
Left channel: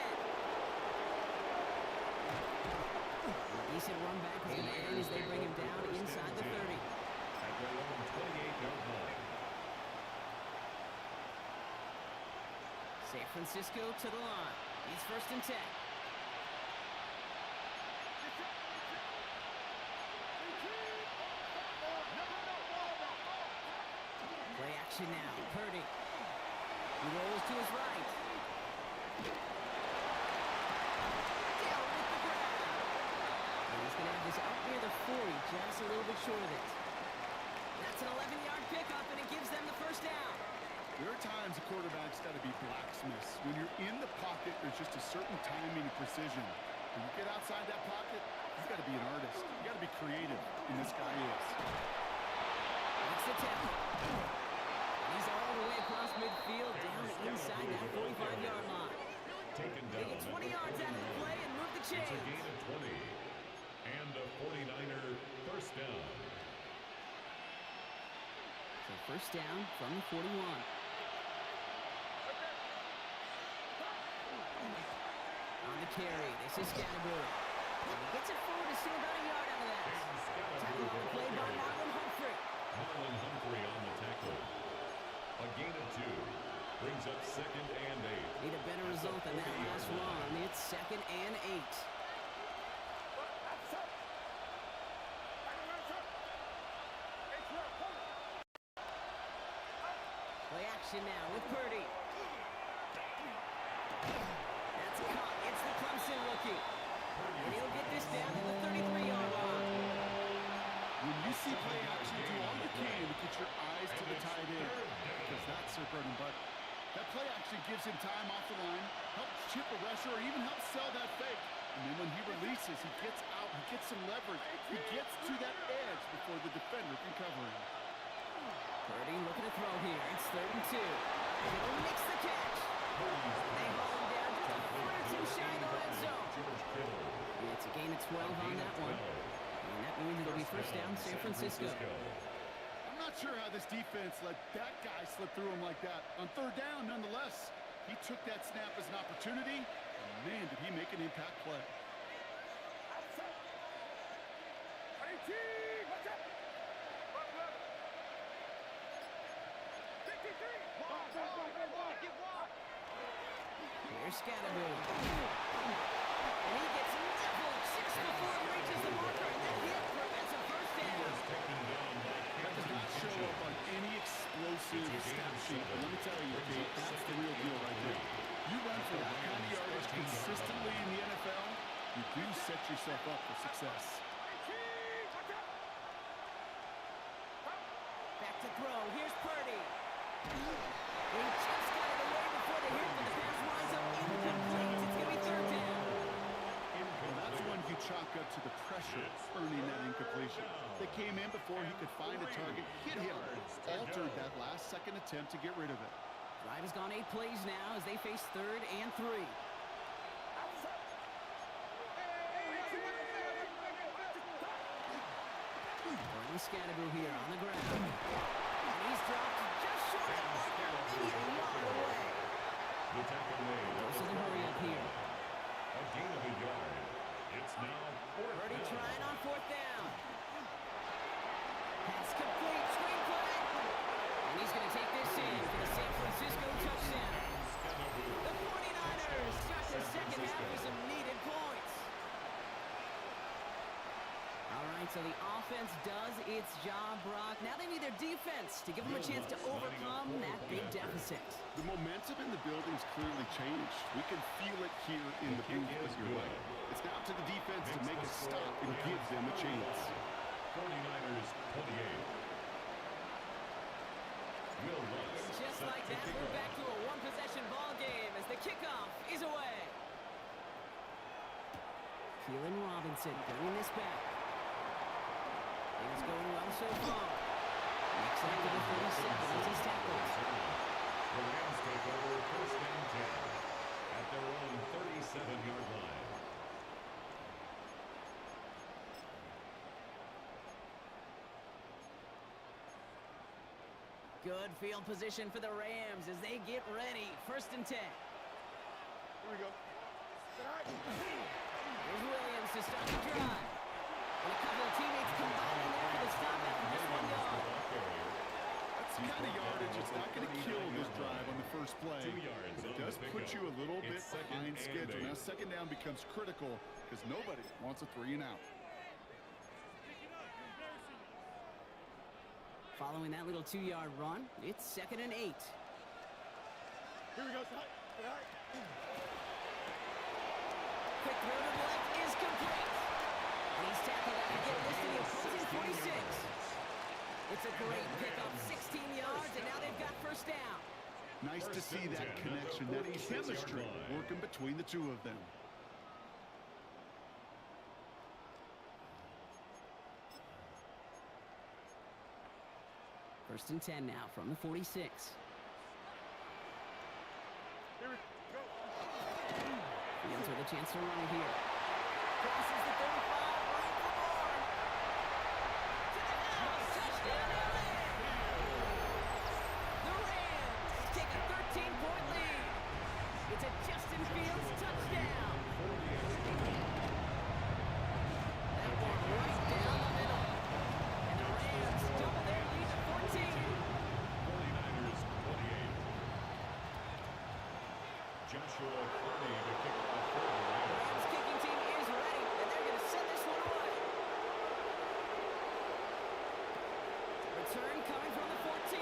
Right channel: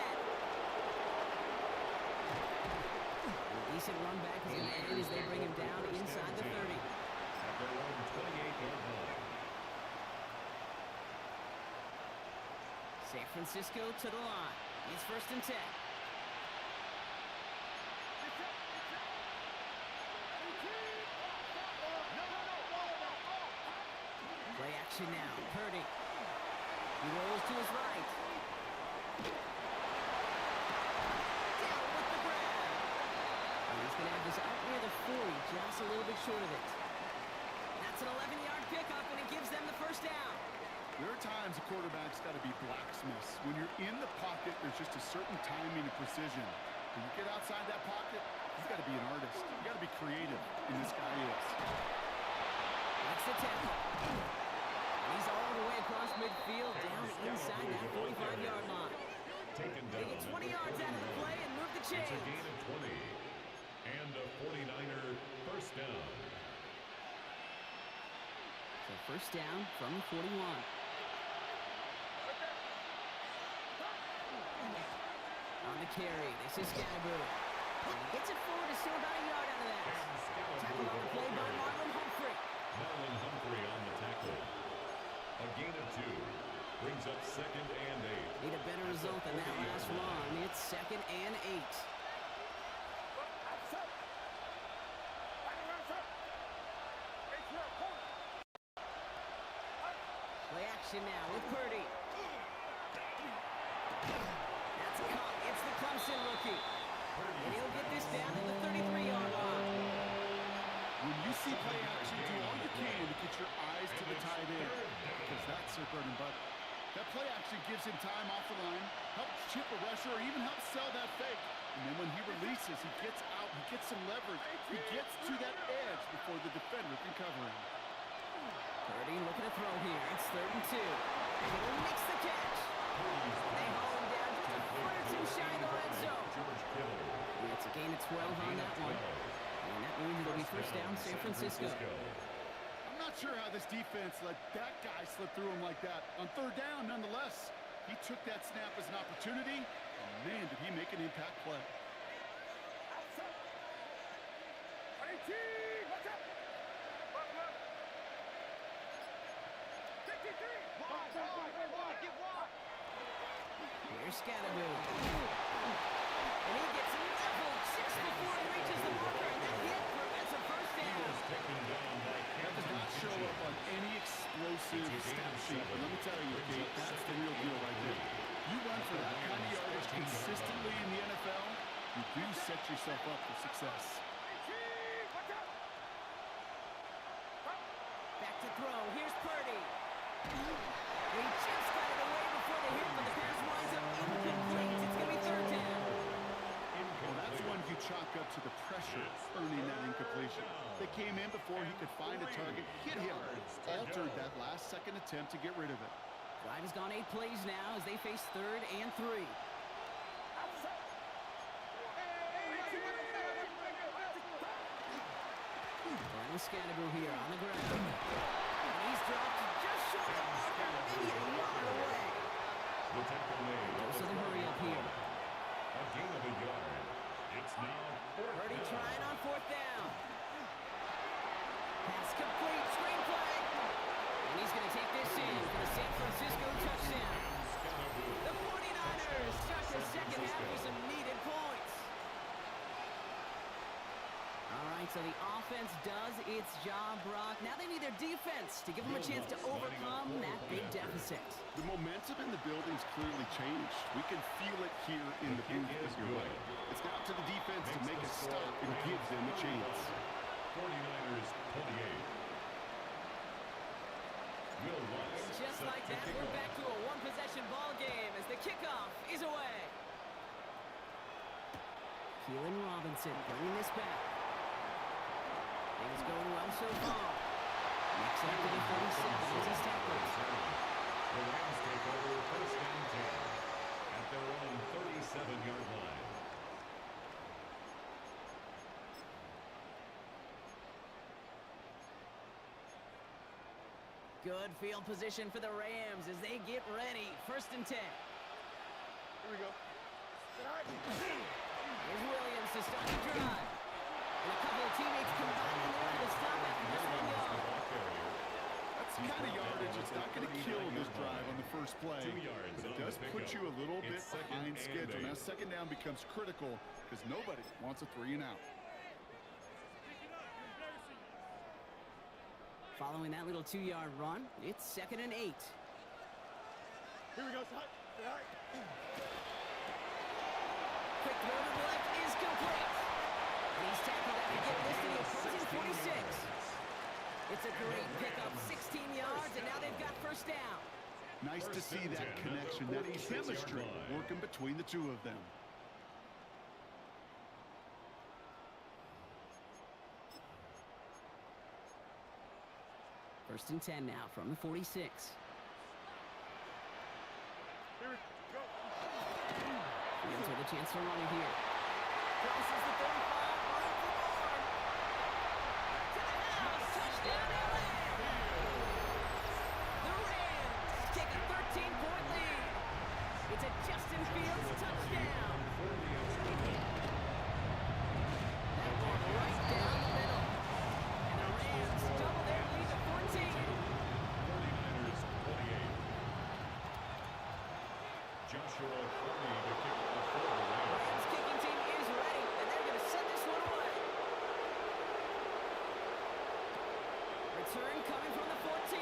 A decent run back is going to end as they bring him down inside the 30. At their own 28-yard line. San Francisco to the line. It's 1st and 10. Play action now. Purdy. He rolls to his right. Down with the grab. And he's going to have this up near the 40, just a little bit short of it. That's an 11-yard pickup, and it gives them the first down. There are times a quarterback's got to be blacksmiths. When you're in the pocket, there's just a certain timing and precision. When you get outside that pocket, you've got to be an artist. You've got to be creative, and this guy is. That's the tackle. And he's all the way across midfield, down inside that 45-yard line. Taken They down. get 20 yards out of the play and move the It's a chains. gain of 20. And a 49er first down. So first down from the 41. On the carry, this is Scatterbury. And he gets it forward to still about a yard out of that. Tackle on the play by Marlon Humphrey. Marlon Humphrey on the tackle. brings up 2nd and 8. Need a better result than that last run. It's 2nd and 8. Play action now with Purdy. That's caught. It's the Clemson rookie. And he'll get this down to the 33-yard line. When you see play action, do all you can to get your eyes to the tight end, because that's their bread and butter. That play action gives him time off the line, helps chip a rusher, or even helps sell that fake. And then when he releases, he gets out, he gets some leverage. He gets to that edge before the defender can cover him. Purdy looking to throw here. It's 3rd and 2. He'll mix the catch. They haul him down just a foot or two shy of the red zone. Yeah, it's a gain of 12 on that one. And that means it'll be first down San Francisco. I'm not sure how this defense let that guy slip through him like that. On 3rd down, nonetheless, he took that snap as an opportunity, and man, did he make an impact play. Here's Scatteroo. And he gets leveled just before he reaches the marker, and that hit prevents a first down. That does not show up on any explosive stat sheet, but let me tell you, Kate, that's the real deal right there. You run for that kind of yardage consistently in the NFL, you do set yourself up for success. Back to throw. Here's Purdy. He just got it away before the hit, but the pass winds up incomplete. It's going to be 3rd down. Well, that's one you chalk up to the pressure earning that incompletion. They came in before he could find a target, hit him, altered that last-second attempt to get rid of it. Drive has gone 8 plays now as they face 3rd and 3. Throwing Scatteroo here on the ground. And he's dropped just short of the marker, maybe a yard away. The tackle made. Goes to the hurry up here. A gain of a yard. It's now 4th Purdy down. trying on 4th down. Pass complete, screenplay. And he's going to take this in for the San Francisco touchdown. The 49ers start the second half with some needed points. All right, so the offense does its job, Brock. Now they need their defense to give them a chance to overcome that big deficit. The momentum in the building's clearly changed. We can feel it here in the booth, but you're right. It's now to the defense to make a stop and give them a chance. 49ers 28. Will Lutz. And just like that, we're back to a one-possession ball game as the kickoff is away. Keelan Robinson bringing this back. Things going well so far. Next up to the 37 as he's tackled. The Rams take over 1st and 10 at their own 37-yard line. Good field position for the Rams as they get ready. 1st and 10. Here we go. Here's Williams to start the drive. And a couple of teammates combining there for the stop after just 1 yard. That's the kind of yardage it's not going to kill this drive on the first play. 2 yards But it on does the put pickup. you a little bit It's 2nd behind and schedule. 8. Now 2nd down becomes critical because nobody wants a 3 and out. Following that little 2-yard run, it's 2nd and 8. Here we go, son. Quick throw to the left is complete. And he's tackled after getting this to the opposing 46. It's a great pickup, 16 yards, and now they've got 1st down. Nice to see that connection, that chemistry working between the two of them. First and 10 now from the 46. Here we go. Fields with a chance to run it here. Crosses the 35, room for more. To the house, touchdown LA! The Rams take a 13-point lead. It's a Justin Fields touchdown. That one right down the middle. And the Rams double their lead to 14. 49ers 28. Joshua Carney to kick off for the Rams. Rams kicking team is ready, and they're going to send this one away. Return coming from the 14.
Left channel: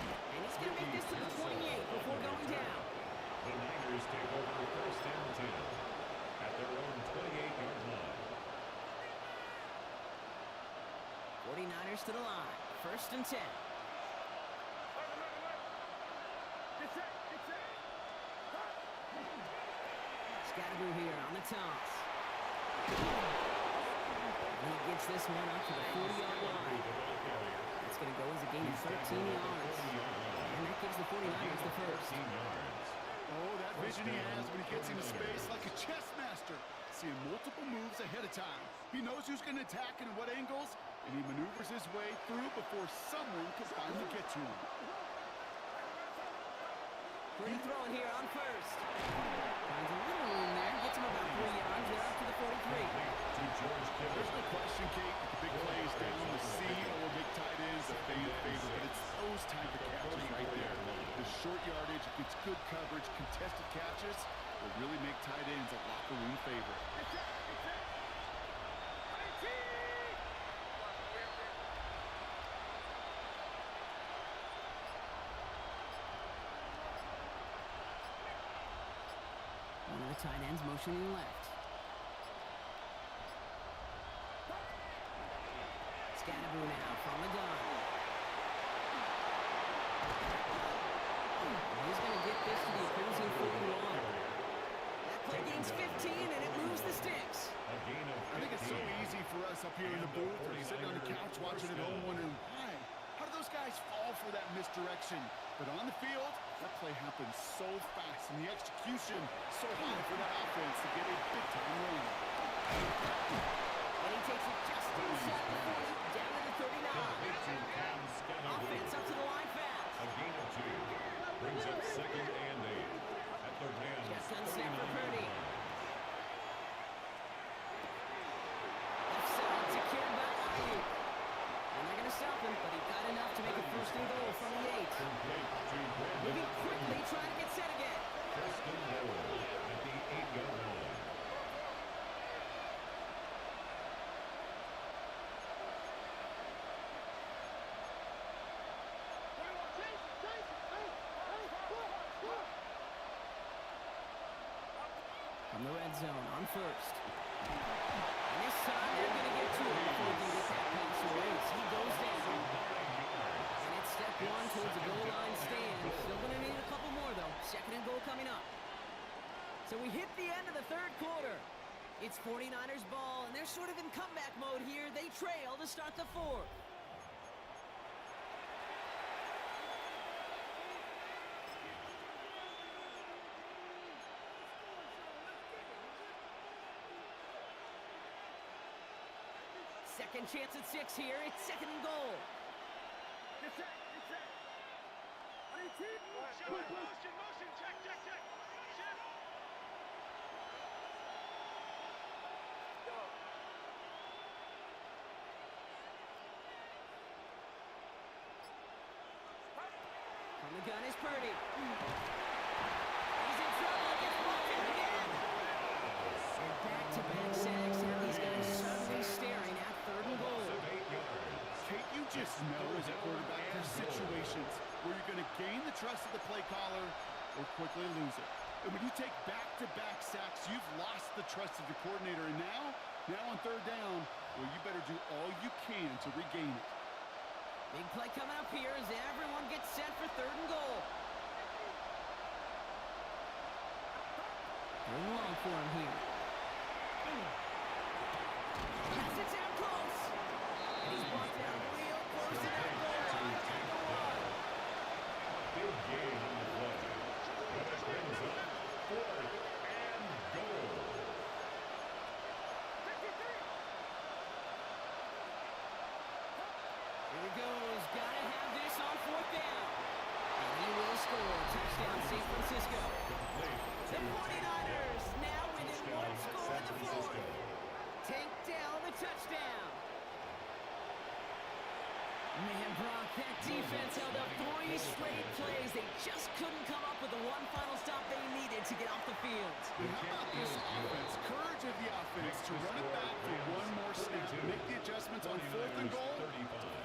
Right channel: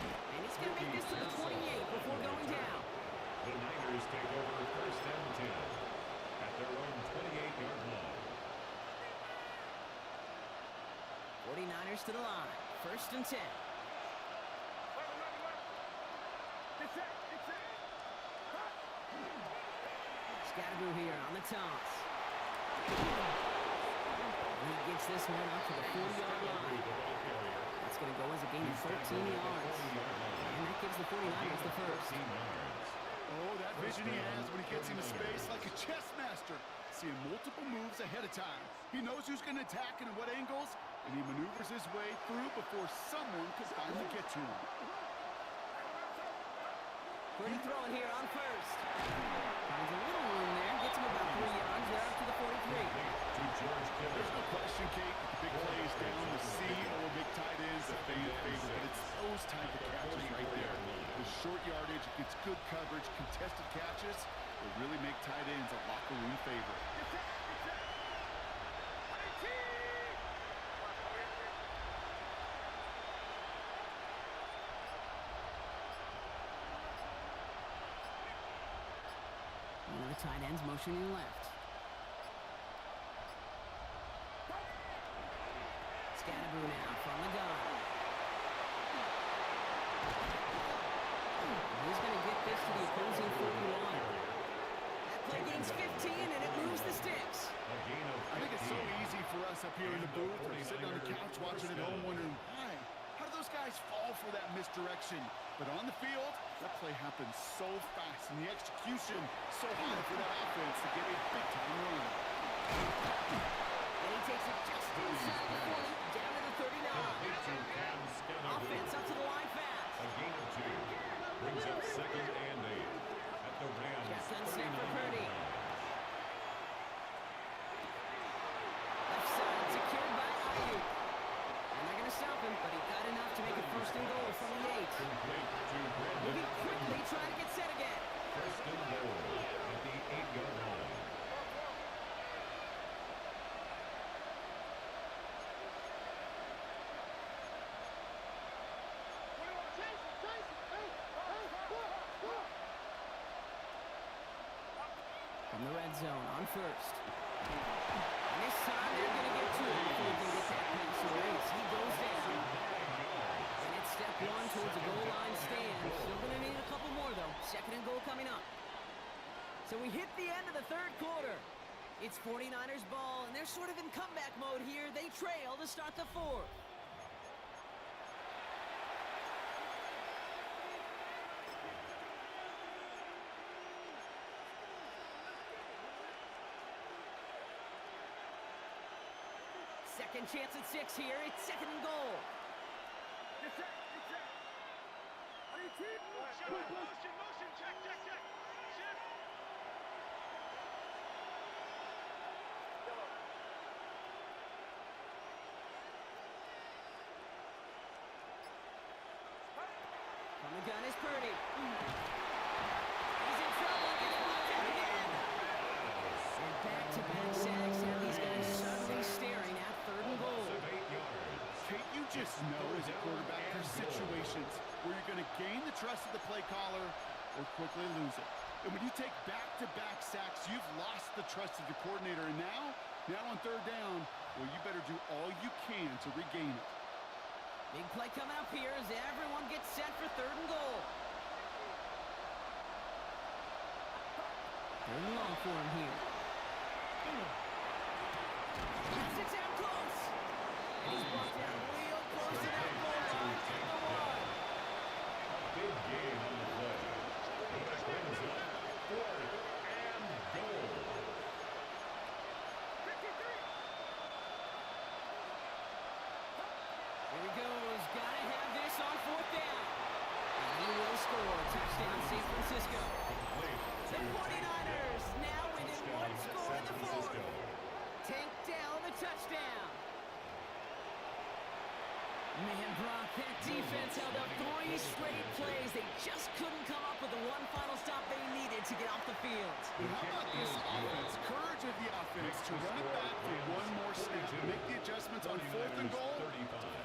And he's going to make this to the 28 before going down. The Niners take over first and 10 at their own 28-yard line. 49ers to the line. First and 10. Scatterboo here on the toss. And he gets this one up to the 40-yard line. That's going to go as a gain of 13 yards. And that gives the 49ers the first. Oh, that vision he has when he gets into space like a chess master. Seeing multiple moves ahead of time. He knows who's going to attack and in what angles, and he maneuvers his way through before someone can finally get to him. Pretty throwing here on first. Finds a little room there. Gets him about 3 yards. They're up to the 43. There's no question, Kate, that the big plays down the seam or big tight ends a fan favorite, but it's those type of catches right there. The short yardage, gets good coverage, contested catches that really make tight ends a locker room favorite. One of the tight ends motioning left. Scatterboo now from the gun. He's going to get this to the opposing 41. That play gains 15, and it moves the sticks. I think it's so easy for us up here in the booth or sitting on the couch watching at home wondering, why? How do those guys fall for that misdirection? But on the field, that play happens so fast, and the execution so high for that offense to get a big-time run. And he takes it just inside the 40, down to the 39. Offense up to the line fast. A gain of 2 brings up second and 8 at the Rams. Shotgun snap for Purdy. Left side secured by Ayuk. And they're going to stop him, but he got enough to make it first and goal from the 8. Moving quickly, trying to get set again. First and goal at the 8-yard line. From the red zone on first. And this time they're going to get to him before he can get that pass away as he goes down. And it's step 1 towards the goal line stand. Still going to need a couple more, though. Second and goal coming up. So we hit the end of the third quarter. It's 49ers ball, and they're sort of in comeback mode here. They trail to start the fourth. Second chance at 6 here. It's second and goal. Motion, check. Shift. From the gun is Purdy. He's in trouble. Gets blocked out again. And back-to-back sacks have these guys suddenly staring at third and goal. Kate, you just know as a quarterback there's situations where you're going to gain the trust of the play caller or quickly lose it. And when you take back-to-back sacks, you've lost the trust of your coordinator. And now on third down, well, you better do all you can to regain it. Big play coming up here as everyone gets set for third and goal. Third and long for him here. Pass it down close. And he's brought down real close to that goal line at the 1. A big gain on the play. But it brings up fourth and goal. 53. Here he goes. Gotta have this on fourth down. And he will score. Touchdown, San Francisco. The 49ers now within one score in the fourth. Tank down the touchdown. Man, Brock, that defense held up 3 straight great plays. They just couldn't come up with the one final stop they needed to get off the field. And how about this offense? Courage of the offense to run it back for one more snap, make the adjustments on 4th and goal, to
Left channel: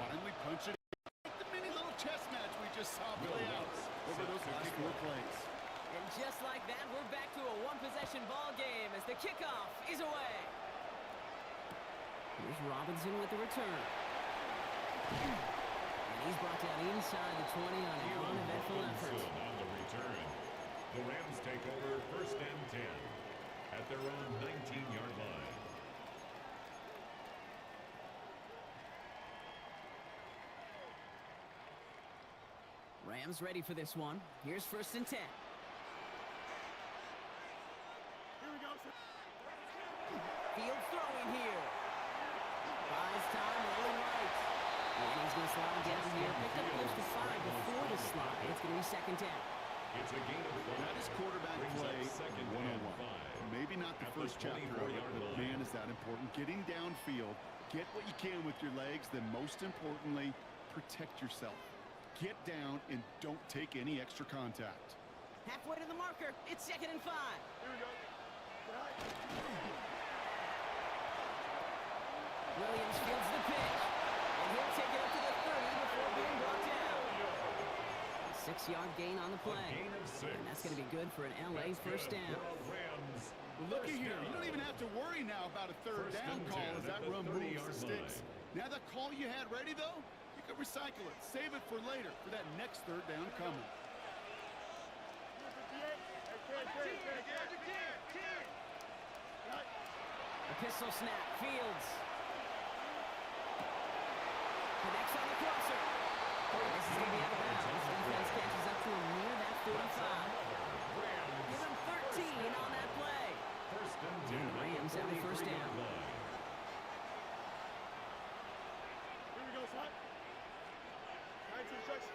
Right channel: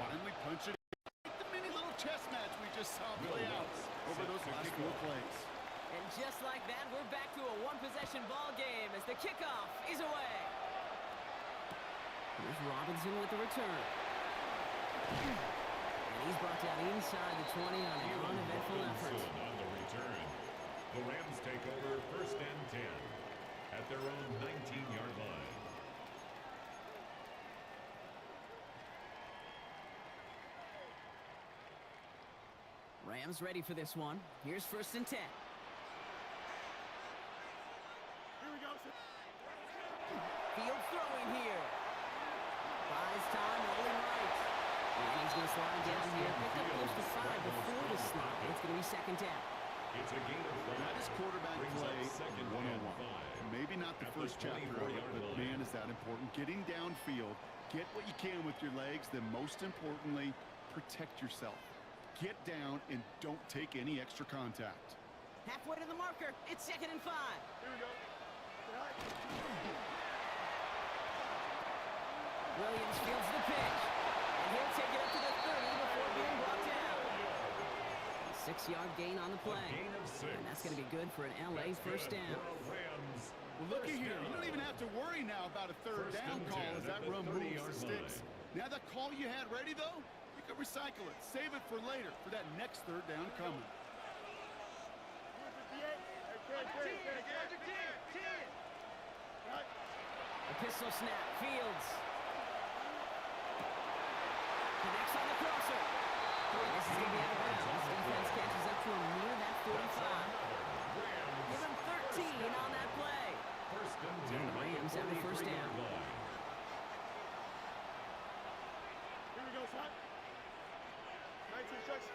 finally punch it in. Like the mini little chess match we just saw play out over those last 4 plays. And just like that, we're back to a one-possession ball game as the kickoff is away. Here's Robinson with the return. And he's brought down inside the 20 on an uneventful effort. On the return, the Rams take over 1st and 10 at their own 19-yard line. Rams ready for this one. Here's 1st and 10. Here we go, sir. Field throwing here. Buys time, rolling right. And he's going to slide down here. Picked up close to 5 before the slide. It's going to be 2nd down. It's a gain of 5. That is quarterback play 101. Maybe not the first chapter of it, but man, is that important. Getting downfield, get what you can with your legs, then most importantly, protect yourself. Get down and don't take any extra contact. Halfway to the marker. It's 2nd and 5. Here we go. Right. Williams fields the pitch. And he'll take it up to the 30 before being brought down. 6-yard gain on the play. A gain of 6. And that's going to be good for an LA first down. Rams. Well, looky here. You don't even have to worry now about a 3rd down call as that run moves the sticks. Now that call you had ready, though, you can recycle it. Save it for later for that next 3rd down coming. A pistol snap. Fields. Connects on the crosser. This is going to be out of bounds. Defense catches up to him near that 45. Give him 13 on that play. And the Rams have the 1st down. Here we go, son. 19 shots.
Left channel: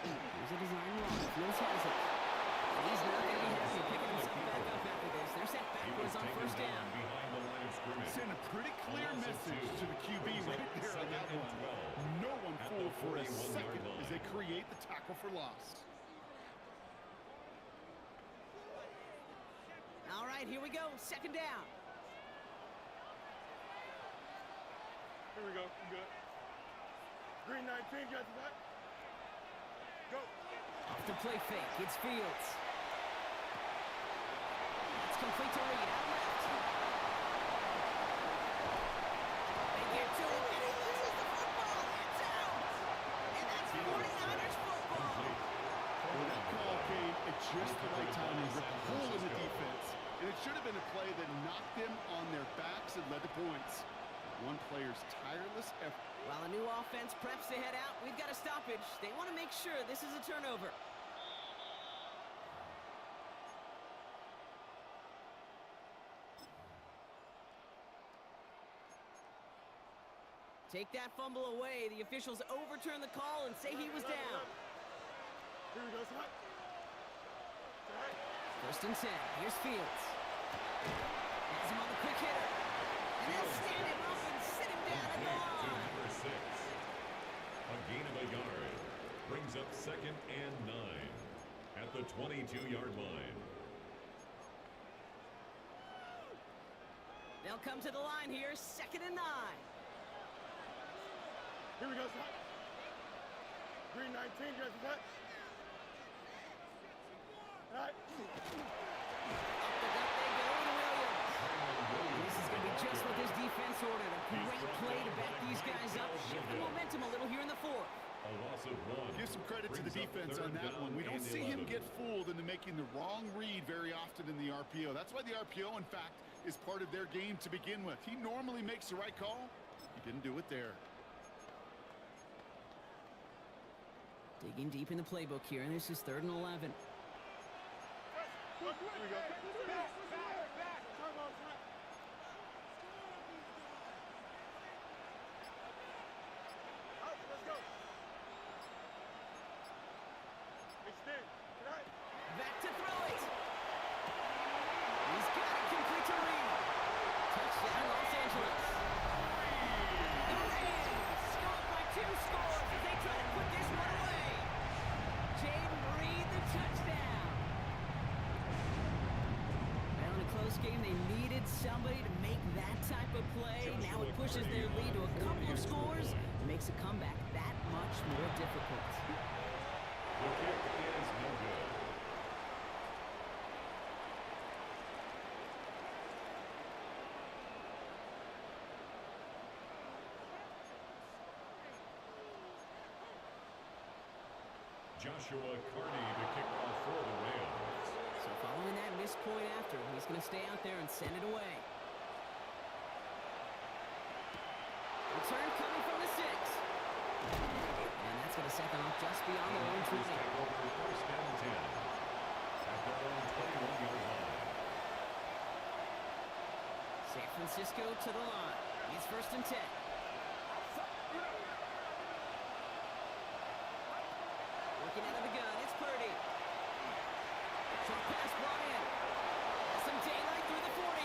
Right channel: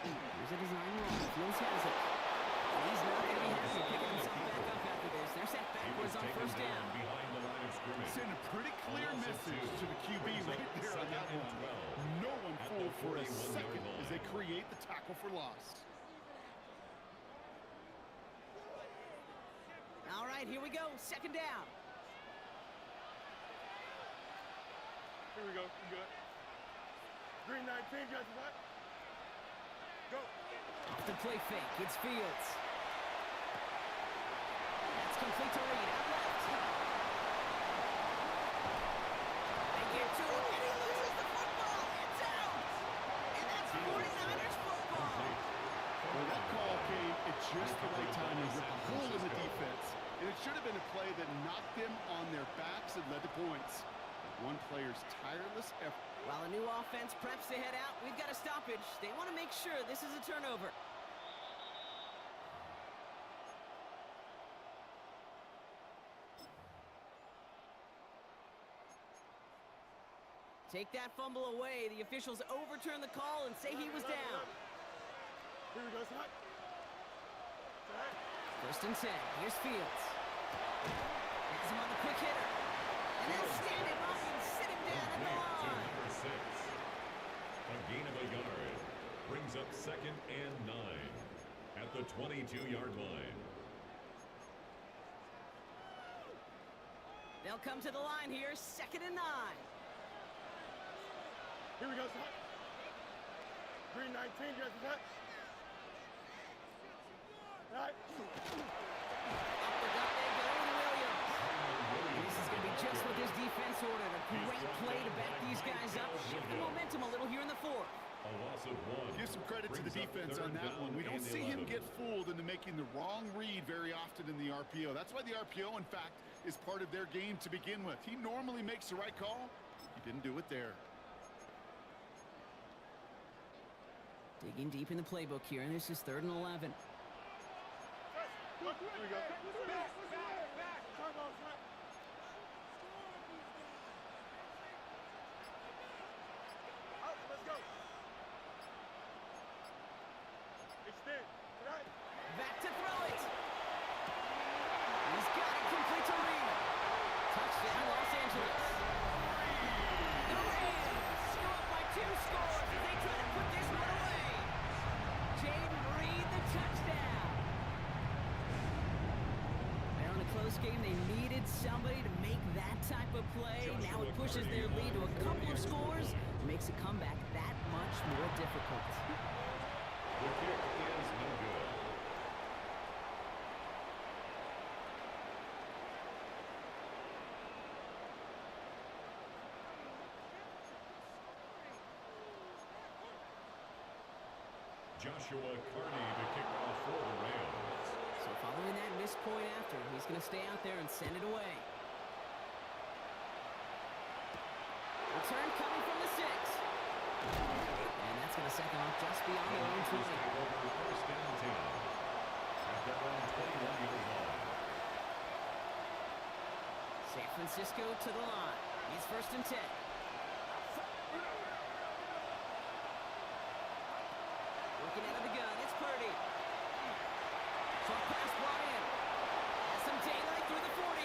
Here's a design run. Fields has it. And he's not going to be happy picking himself back up after this. They're set backwards on 1st down. Send a pretty clear message to the QB right there on that one. No one fooled for a second as they create the tackle for loss. All right, here we go. 2nd down. Here we go. Good. Green 19, got the back. Go. Off the play fake. It's Fields. That's complete to Reed. Out left. They get to him, and he loses the football. It's out. And that's 49ers football. Well, that call came at just the right time to rip a hole in the defense. And it should have been a play that knocked them on their backs and led to points. One player's tireless effort. While a new offense preps to head out, we've got a stoppage. They want to make sure this is a turnover. Take that fumble away. The officials overturn the call and say he was down. Here we go, son. 1st and 10. Here's Fields. Has him on the quick hitter. And they'll stand him up and sit him down at the line. Number 6. A gain of a yard. Brings up 2nd and 9 at the 22-yard line. They'll come to the line here. 2nd and 9. Here we go, son. Green 19, got the back. Right. Up the gut they go to Williams. This is going to be just what this defense ordered. A great play to back these guys up. Shift the momentum a little here in the 4th. A loss of 1. Give some credit to the defense on that one. We don't see him get fooled into making the wrong read very often in the RPO. That's why the RPO, in fact, is part of their game to begin with. He normally makes the right call. He didn't do it there. Digging deep in the playbook here, and this is 3rd and 11. Here we go. Back. Come on, son. Out, let's go. Extend. Tonight. Back to throw it. He's got it complete to Reed. Touchdown, Los Angeles. The Rams go up by 2 scores as they try to put this one away. team. They needed somebody to make that type of play. Now it pushes their lead to a couple of scores and makes a comeback that much more difficult. The kick is no good. Joshua Carney to kick off for the Rams. So following that missed point after, he's going to stay out there and send it away. Return coming from the 6. And that's going to set them up just beyond their own 20. Take over first and 10 at their own 21-yard line. San Francisco to the line. He's first and 10. Working out of the gun, it's Purdy. Short pass brought in. Has some daylight through the 40.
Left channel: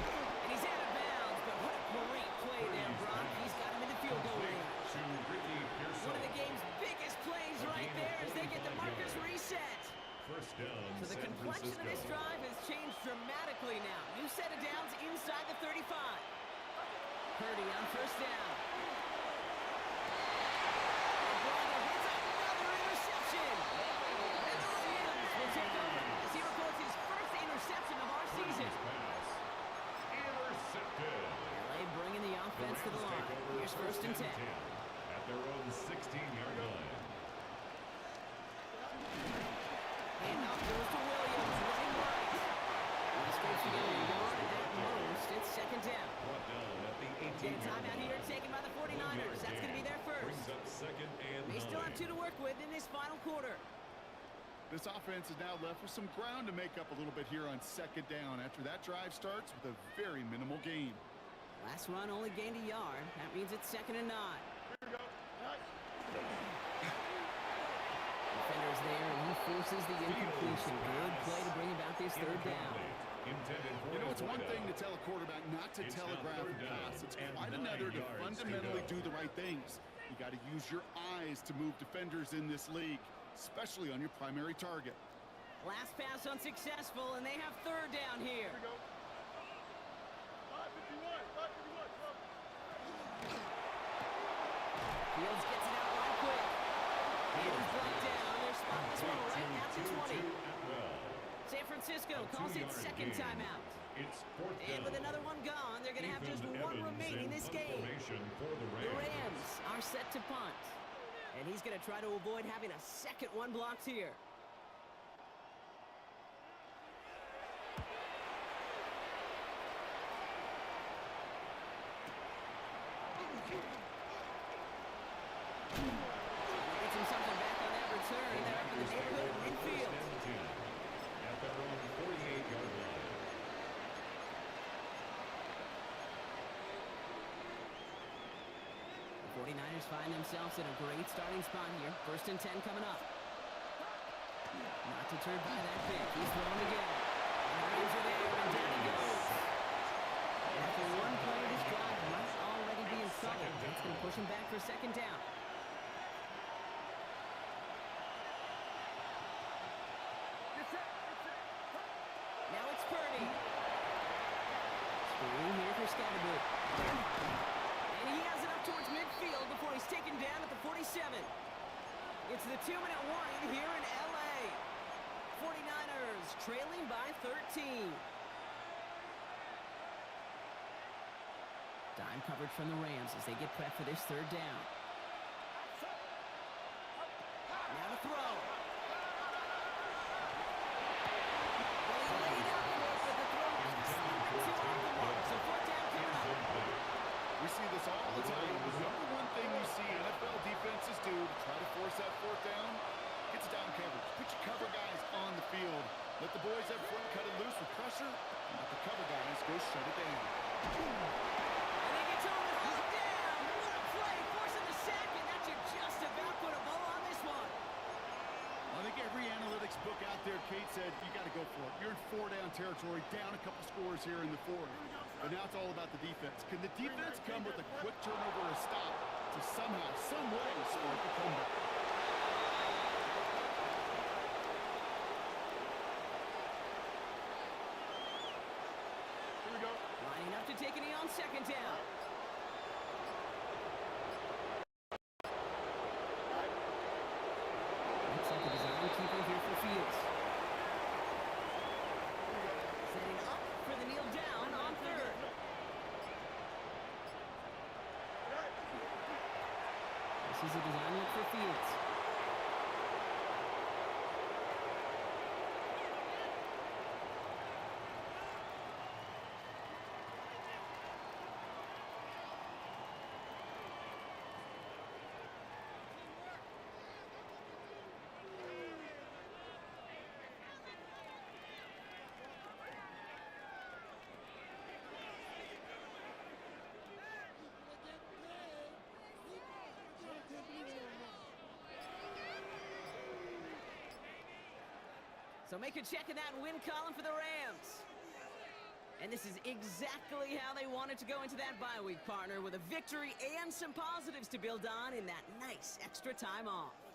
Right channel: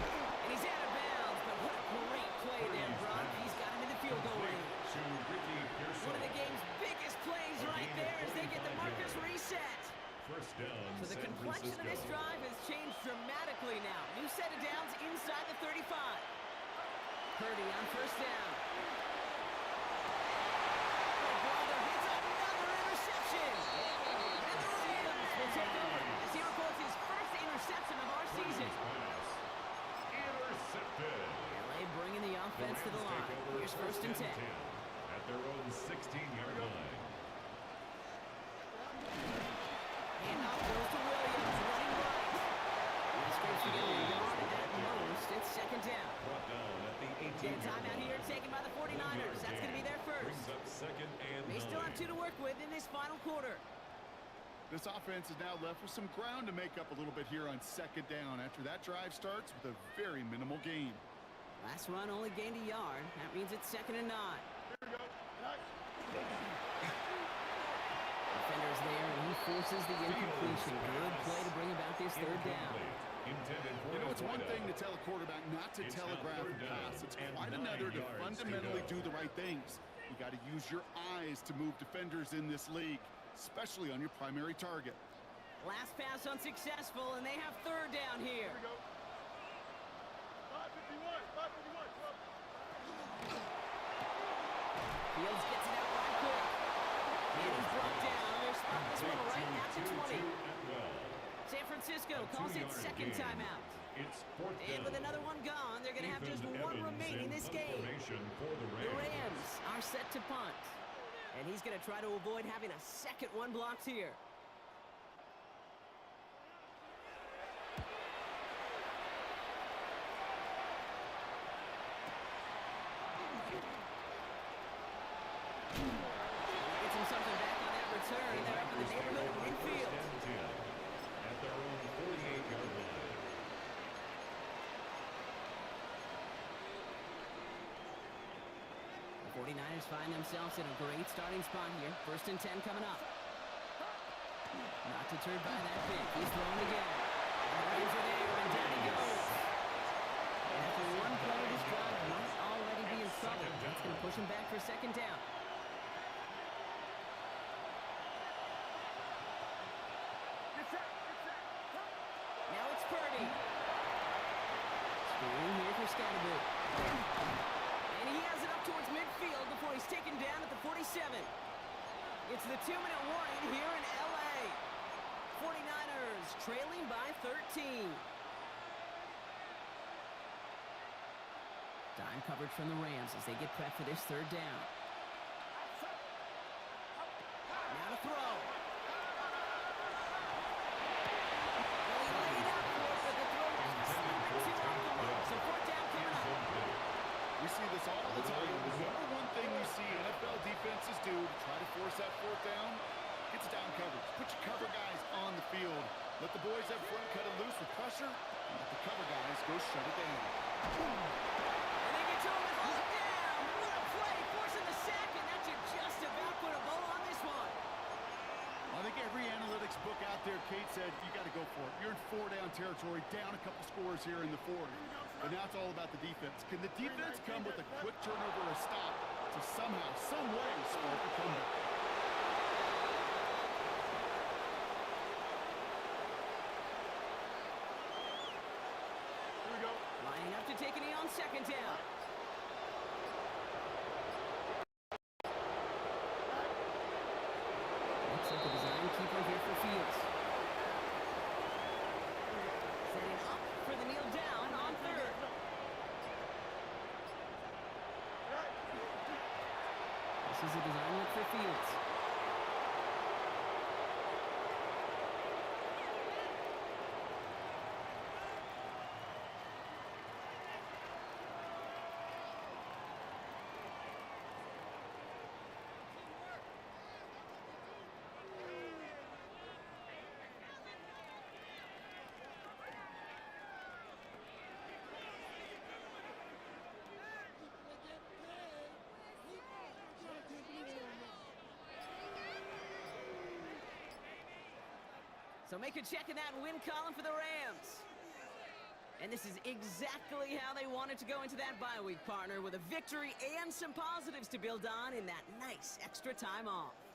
And he's out of bounds, but what a great play there, Brock. He's got him in the field goal range. To Ricky Pearson. One of the game's biggest plays right there as they get the markers reset. First down, So the San complexion of this Francisco. drive has changed dramatically now. New set of downs inside the 35. Purdy on first down. Oh, brother, it's another interception. And the Rams will take over as he records his first interception of our season. Pass. Intercepted. LA bringing the offense to the line. Take over Here's first and 10. at their own 16-yard line. And off goes to Williams, running right. He scrapes together a yard, and at most, it's second down. Brought down at the 18-yard Get a timeout line. here taken by the 49ers. That's going to be their first. Brings up second and They still have 9. 2 to work with in this final quarter. This offense is now left with some ground to make up a little bit here on second down after that drive starts with a very minimal gain. Last run only gained a yard. That means it's second and 9. Here we go. Nice. Defender's there, and he forces the incompletion. Good play to bring about this third down. Intended for You know, a it's one wideout. thing to tell a quarterback not to It's now telegraph third a down pass. It's and quite 9 another to yards to fundamentally go. do the right things. You got to use your eyes to move defenders in this league, especially on your primary target. Last pass unsuccessful, and they have third down here. Here we go. 551. 551. Come on. Fields gets it out right quick. And he's brought down. They're spotting this one right at the 20. San Francisco calls it second timeout. It's fourth And down. with another one gone, they're going to have just Ethan one Evans remaining in this punt game. formation for the The Rams. Rams are set to punt. And he's going to try to avoid having a second one blocked here. Gets him something back on that return. They're up in the neighborhood of midfield. First and 10 at their own 48-yard line. The 49ers find themselves in a great starting spot here. First and 10 coming up. Not deterred by that pick. He's throwing again. And the Rams are there, and down he goes. And after one play, this drive might already be in trouble. That's going to push him back for second down. Get set. Get set. Now it's Purdy. Screen here for Scatterboot. And he has it up towards midfield before he's taken down at the 47. It's the 2-minute warning here in LA. 49ers trailing by 13. Dime coverage from the Rams as they get prepped for this third down. Now to throw. Well, he laid out for it, but the throw just a little bit too off the mark. So fourth down coming up. We see this all the time. The number one thing you see NFL defenses do to try to force that fourth down, it's down coverage. Put your cover guys on the field. Let the boys up front cut it loose with pressure, and let the cover guys go shut it down. And they get to him and hold him down. What a play, forcing the sack, and that should just about put a bow on this one. I think every analytics book out there, Kate said, you got to go for it. You're in 4-down territory, down a couple scores here in the fourth. But now it's all about the defense. Can the defense come with a quick turnover or a stop to somehow, some way, spark a comeback? to take a knee on second down. Looks like a design keeper here for Fields. Setting up for the kneel down on third. This is a design look for Fields. So make a check in that win column for the Rams. And this is exactly how they wanted to go into that bye week, partner, with a victory and some positives to build on in that nice extra time off.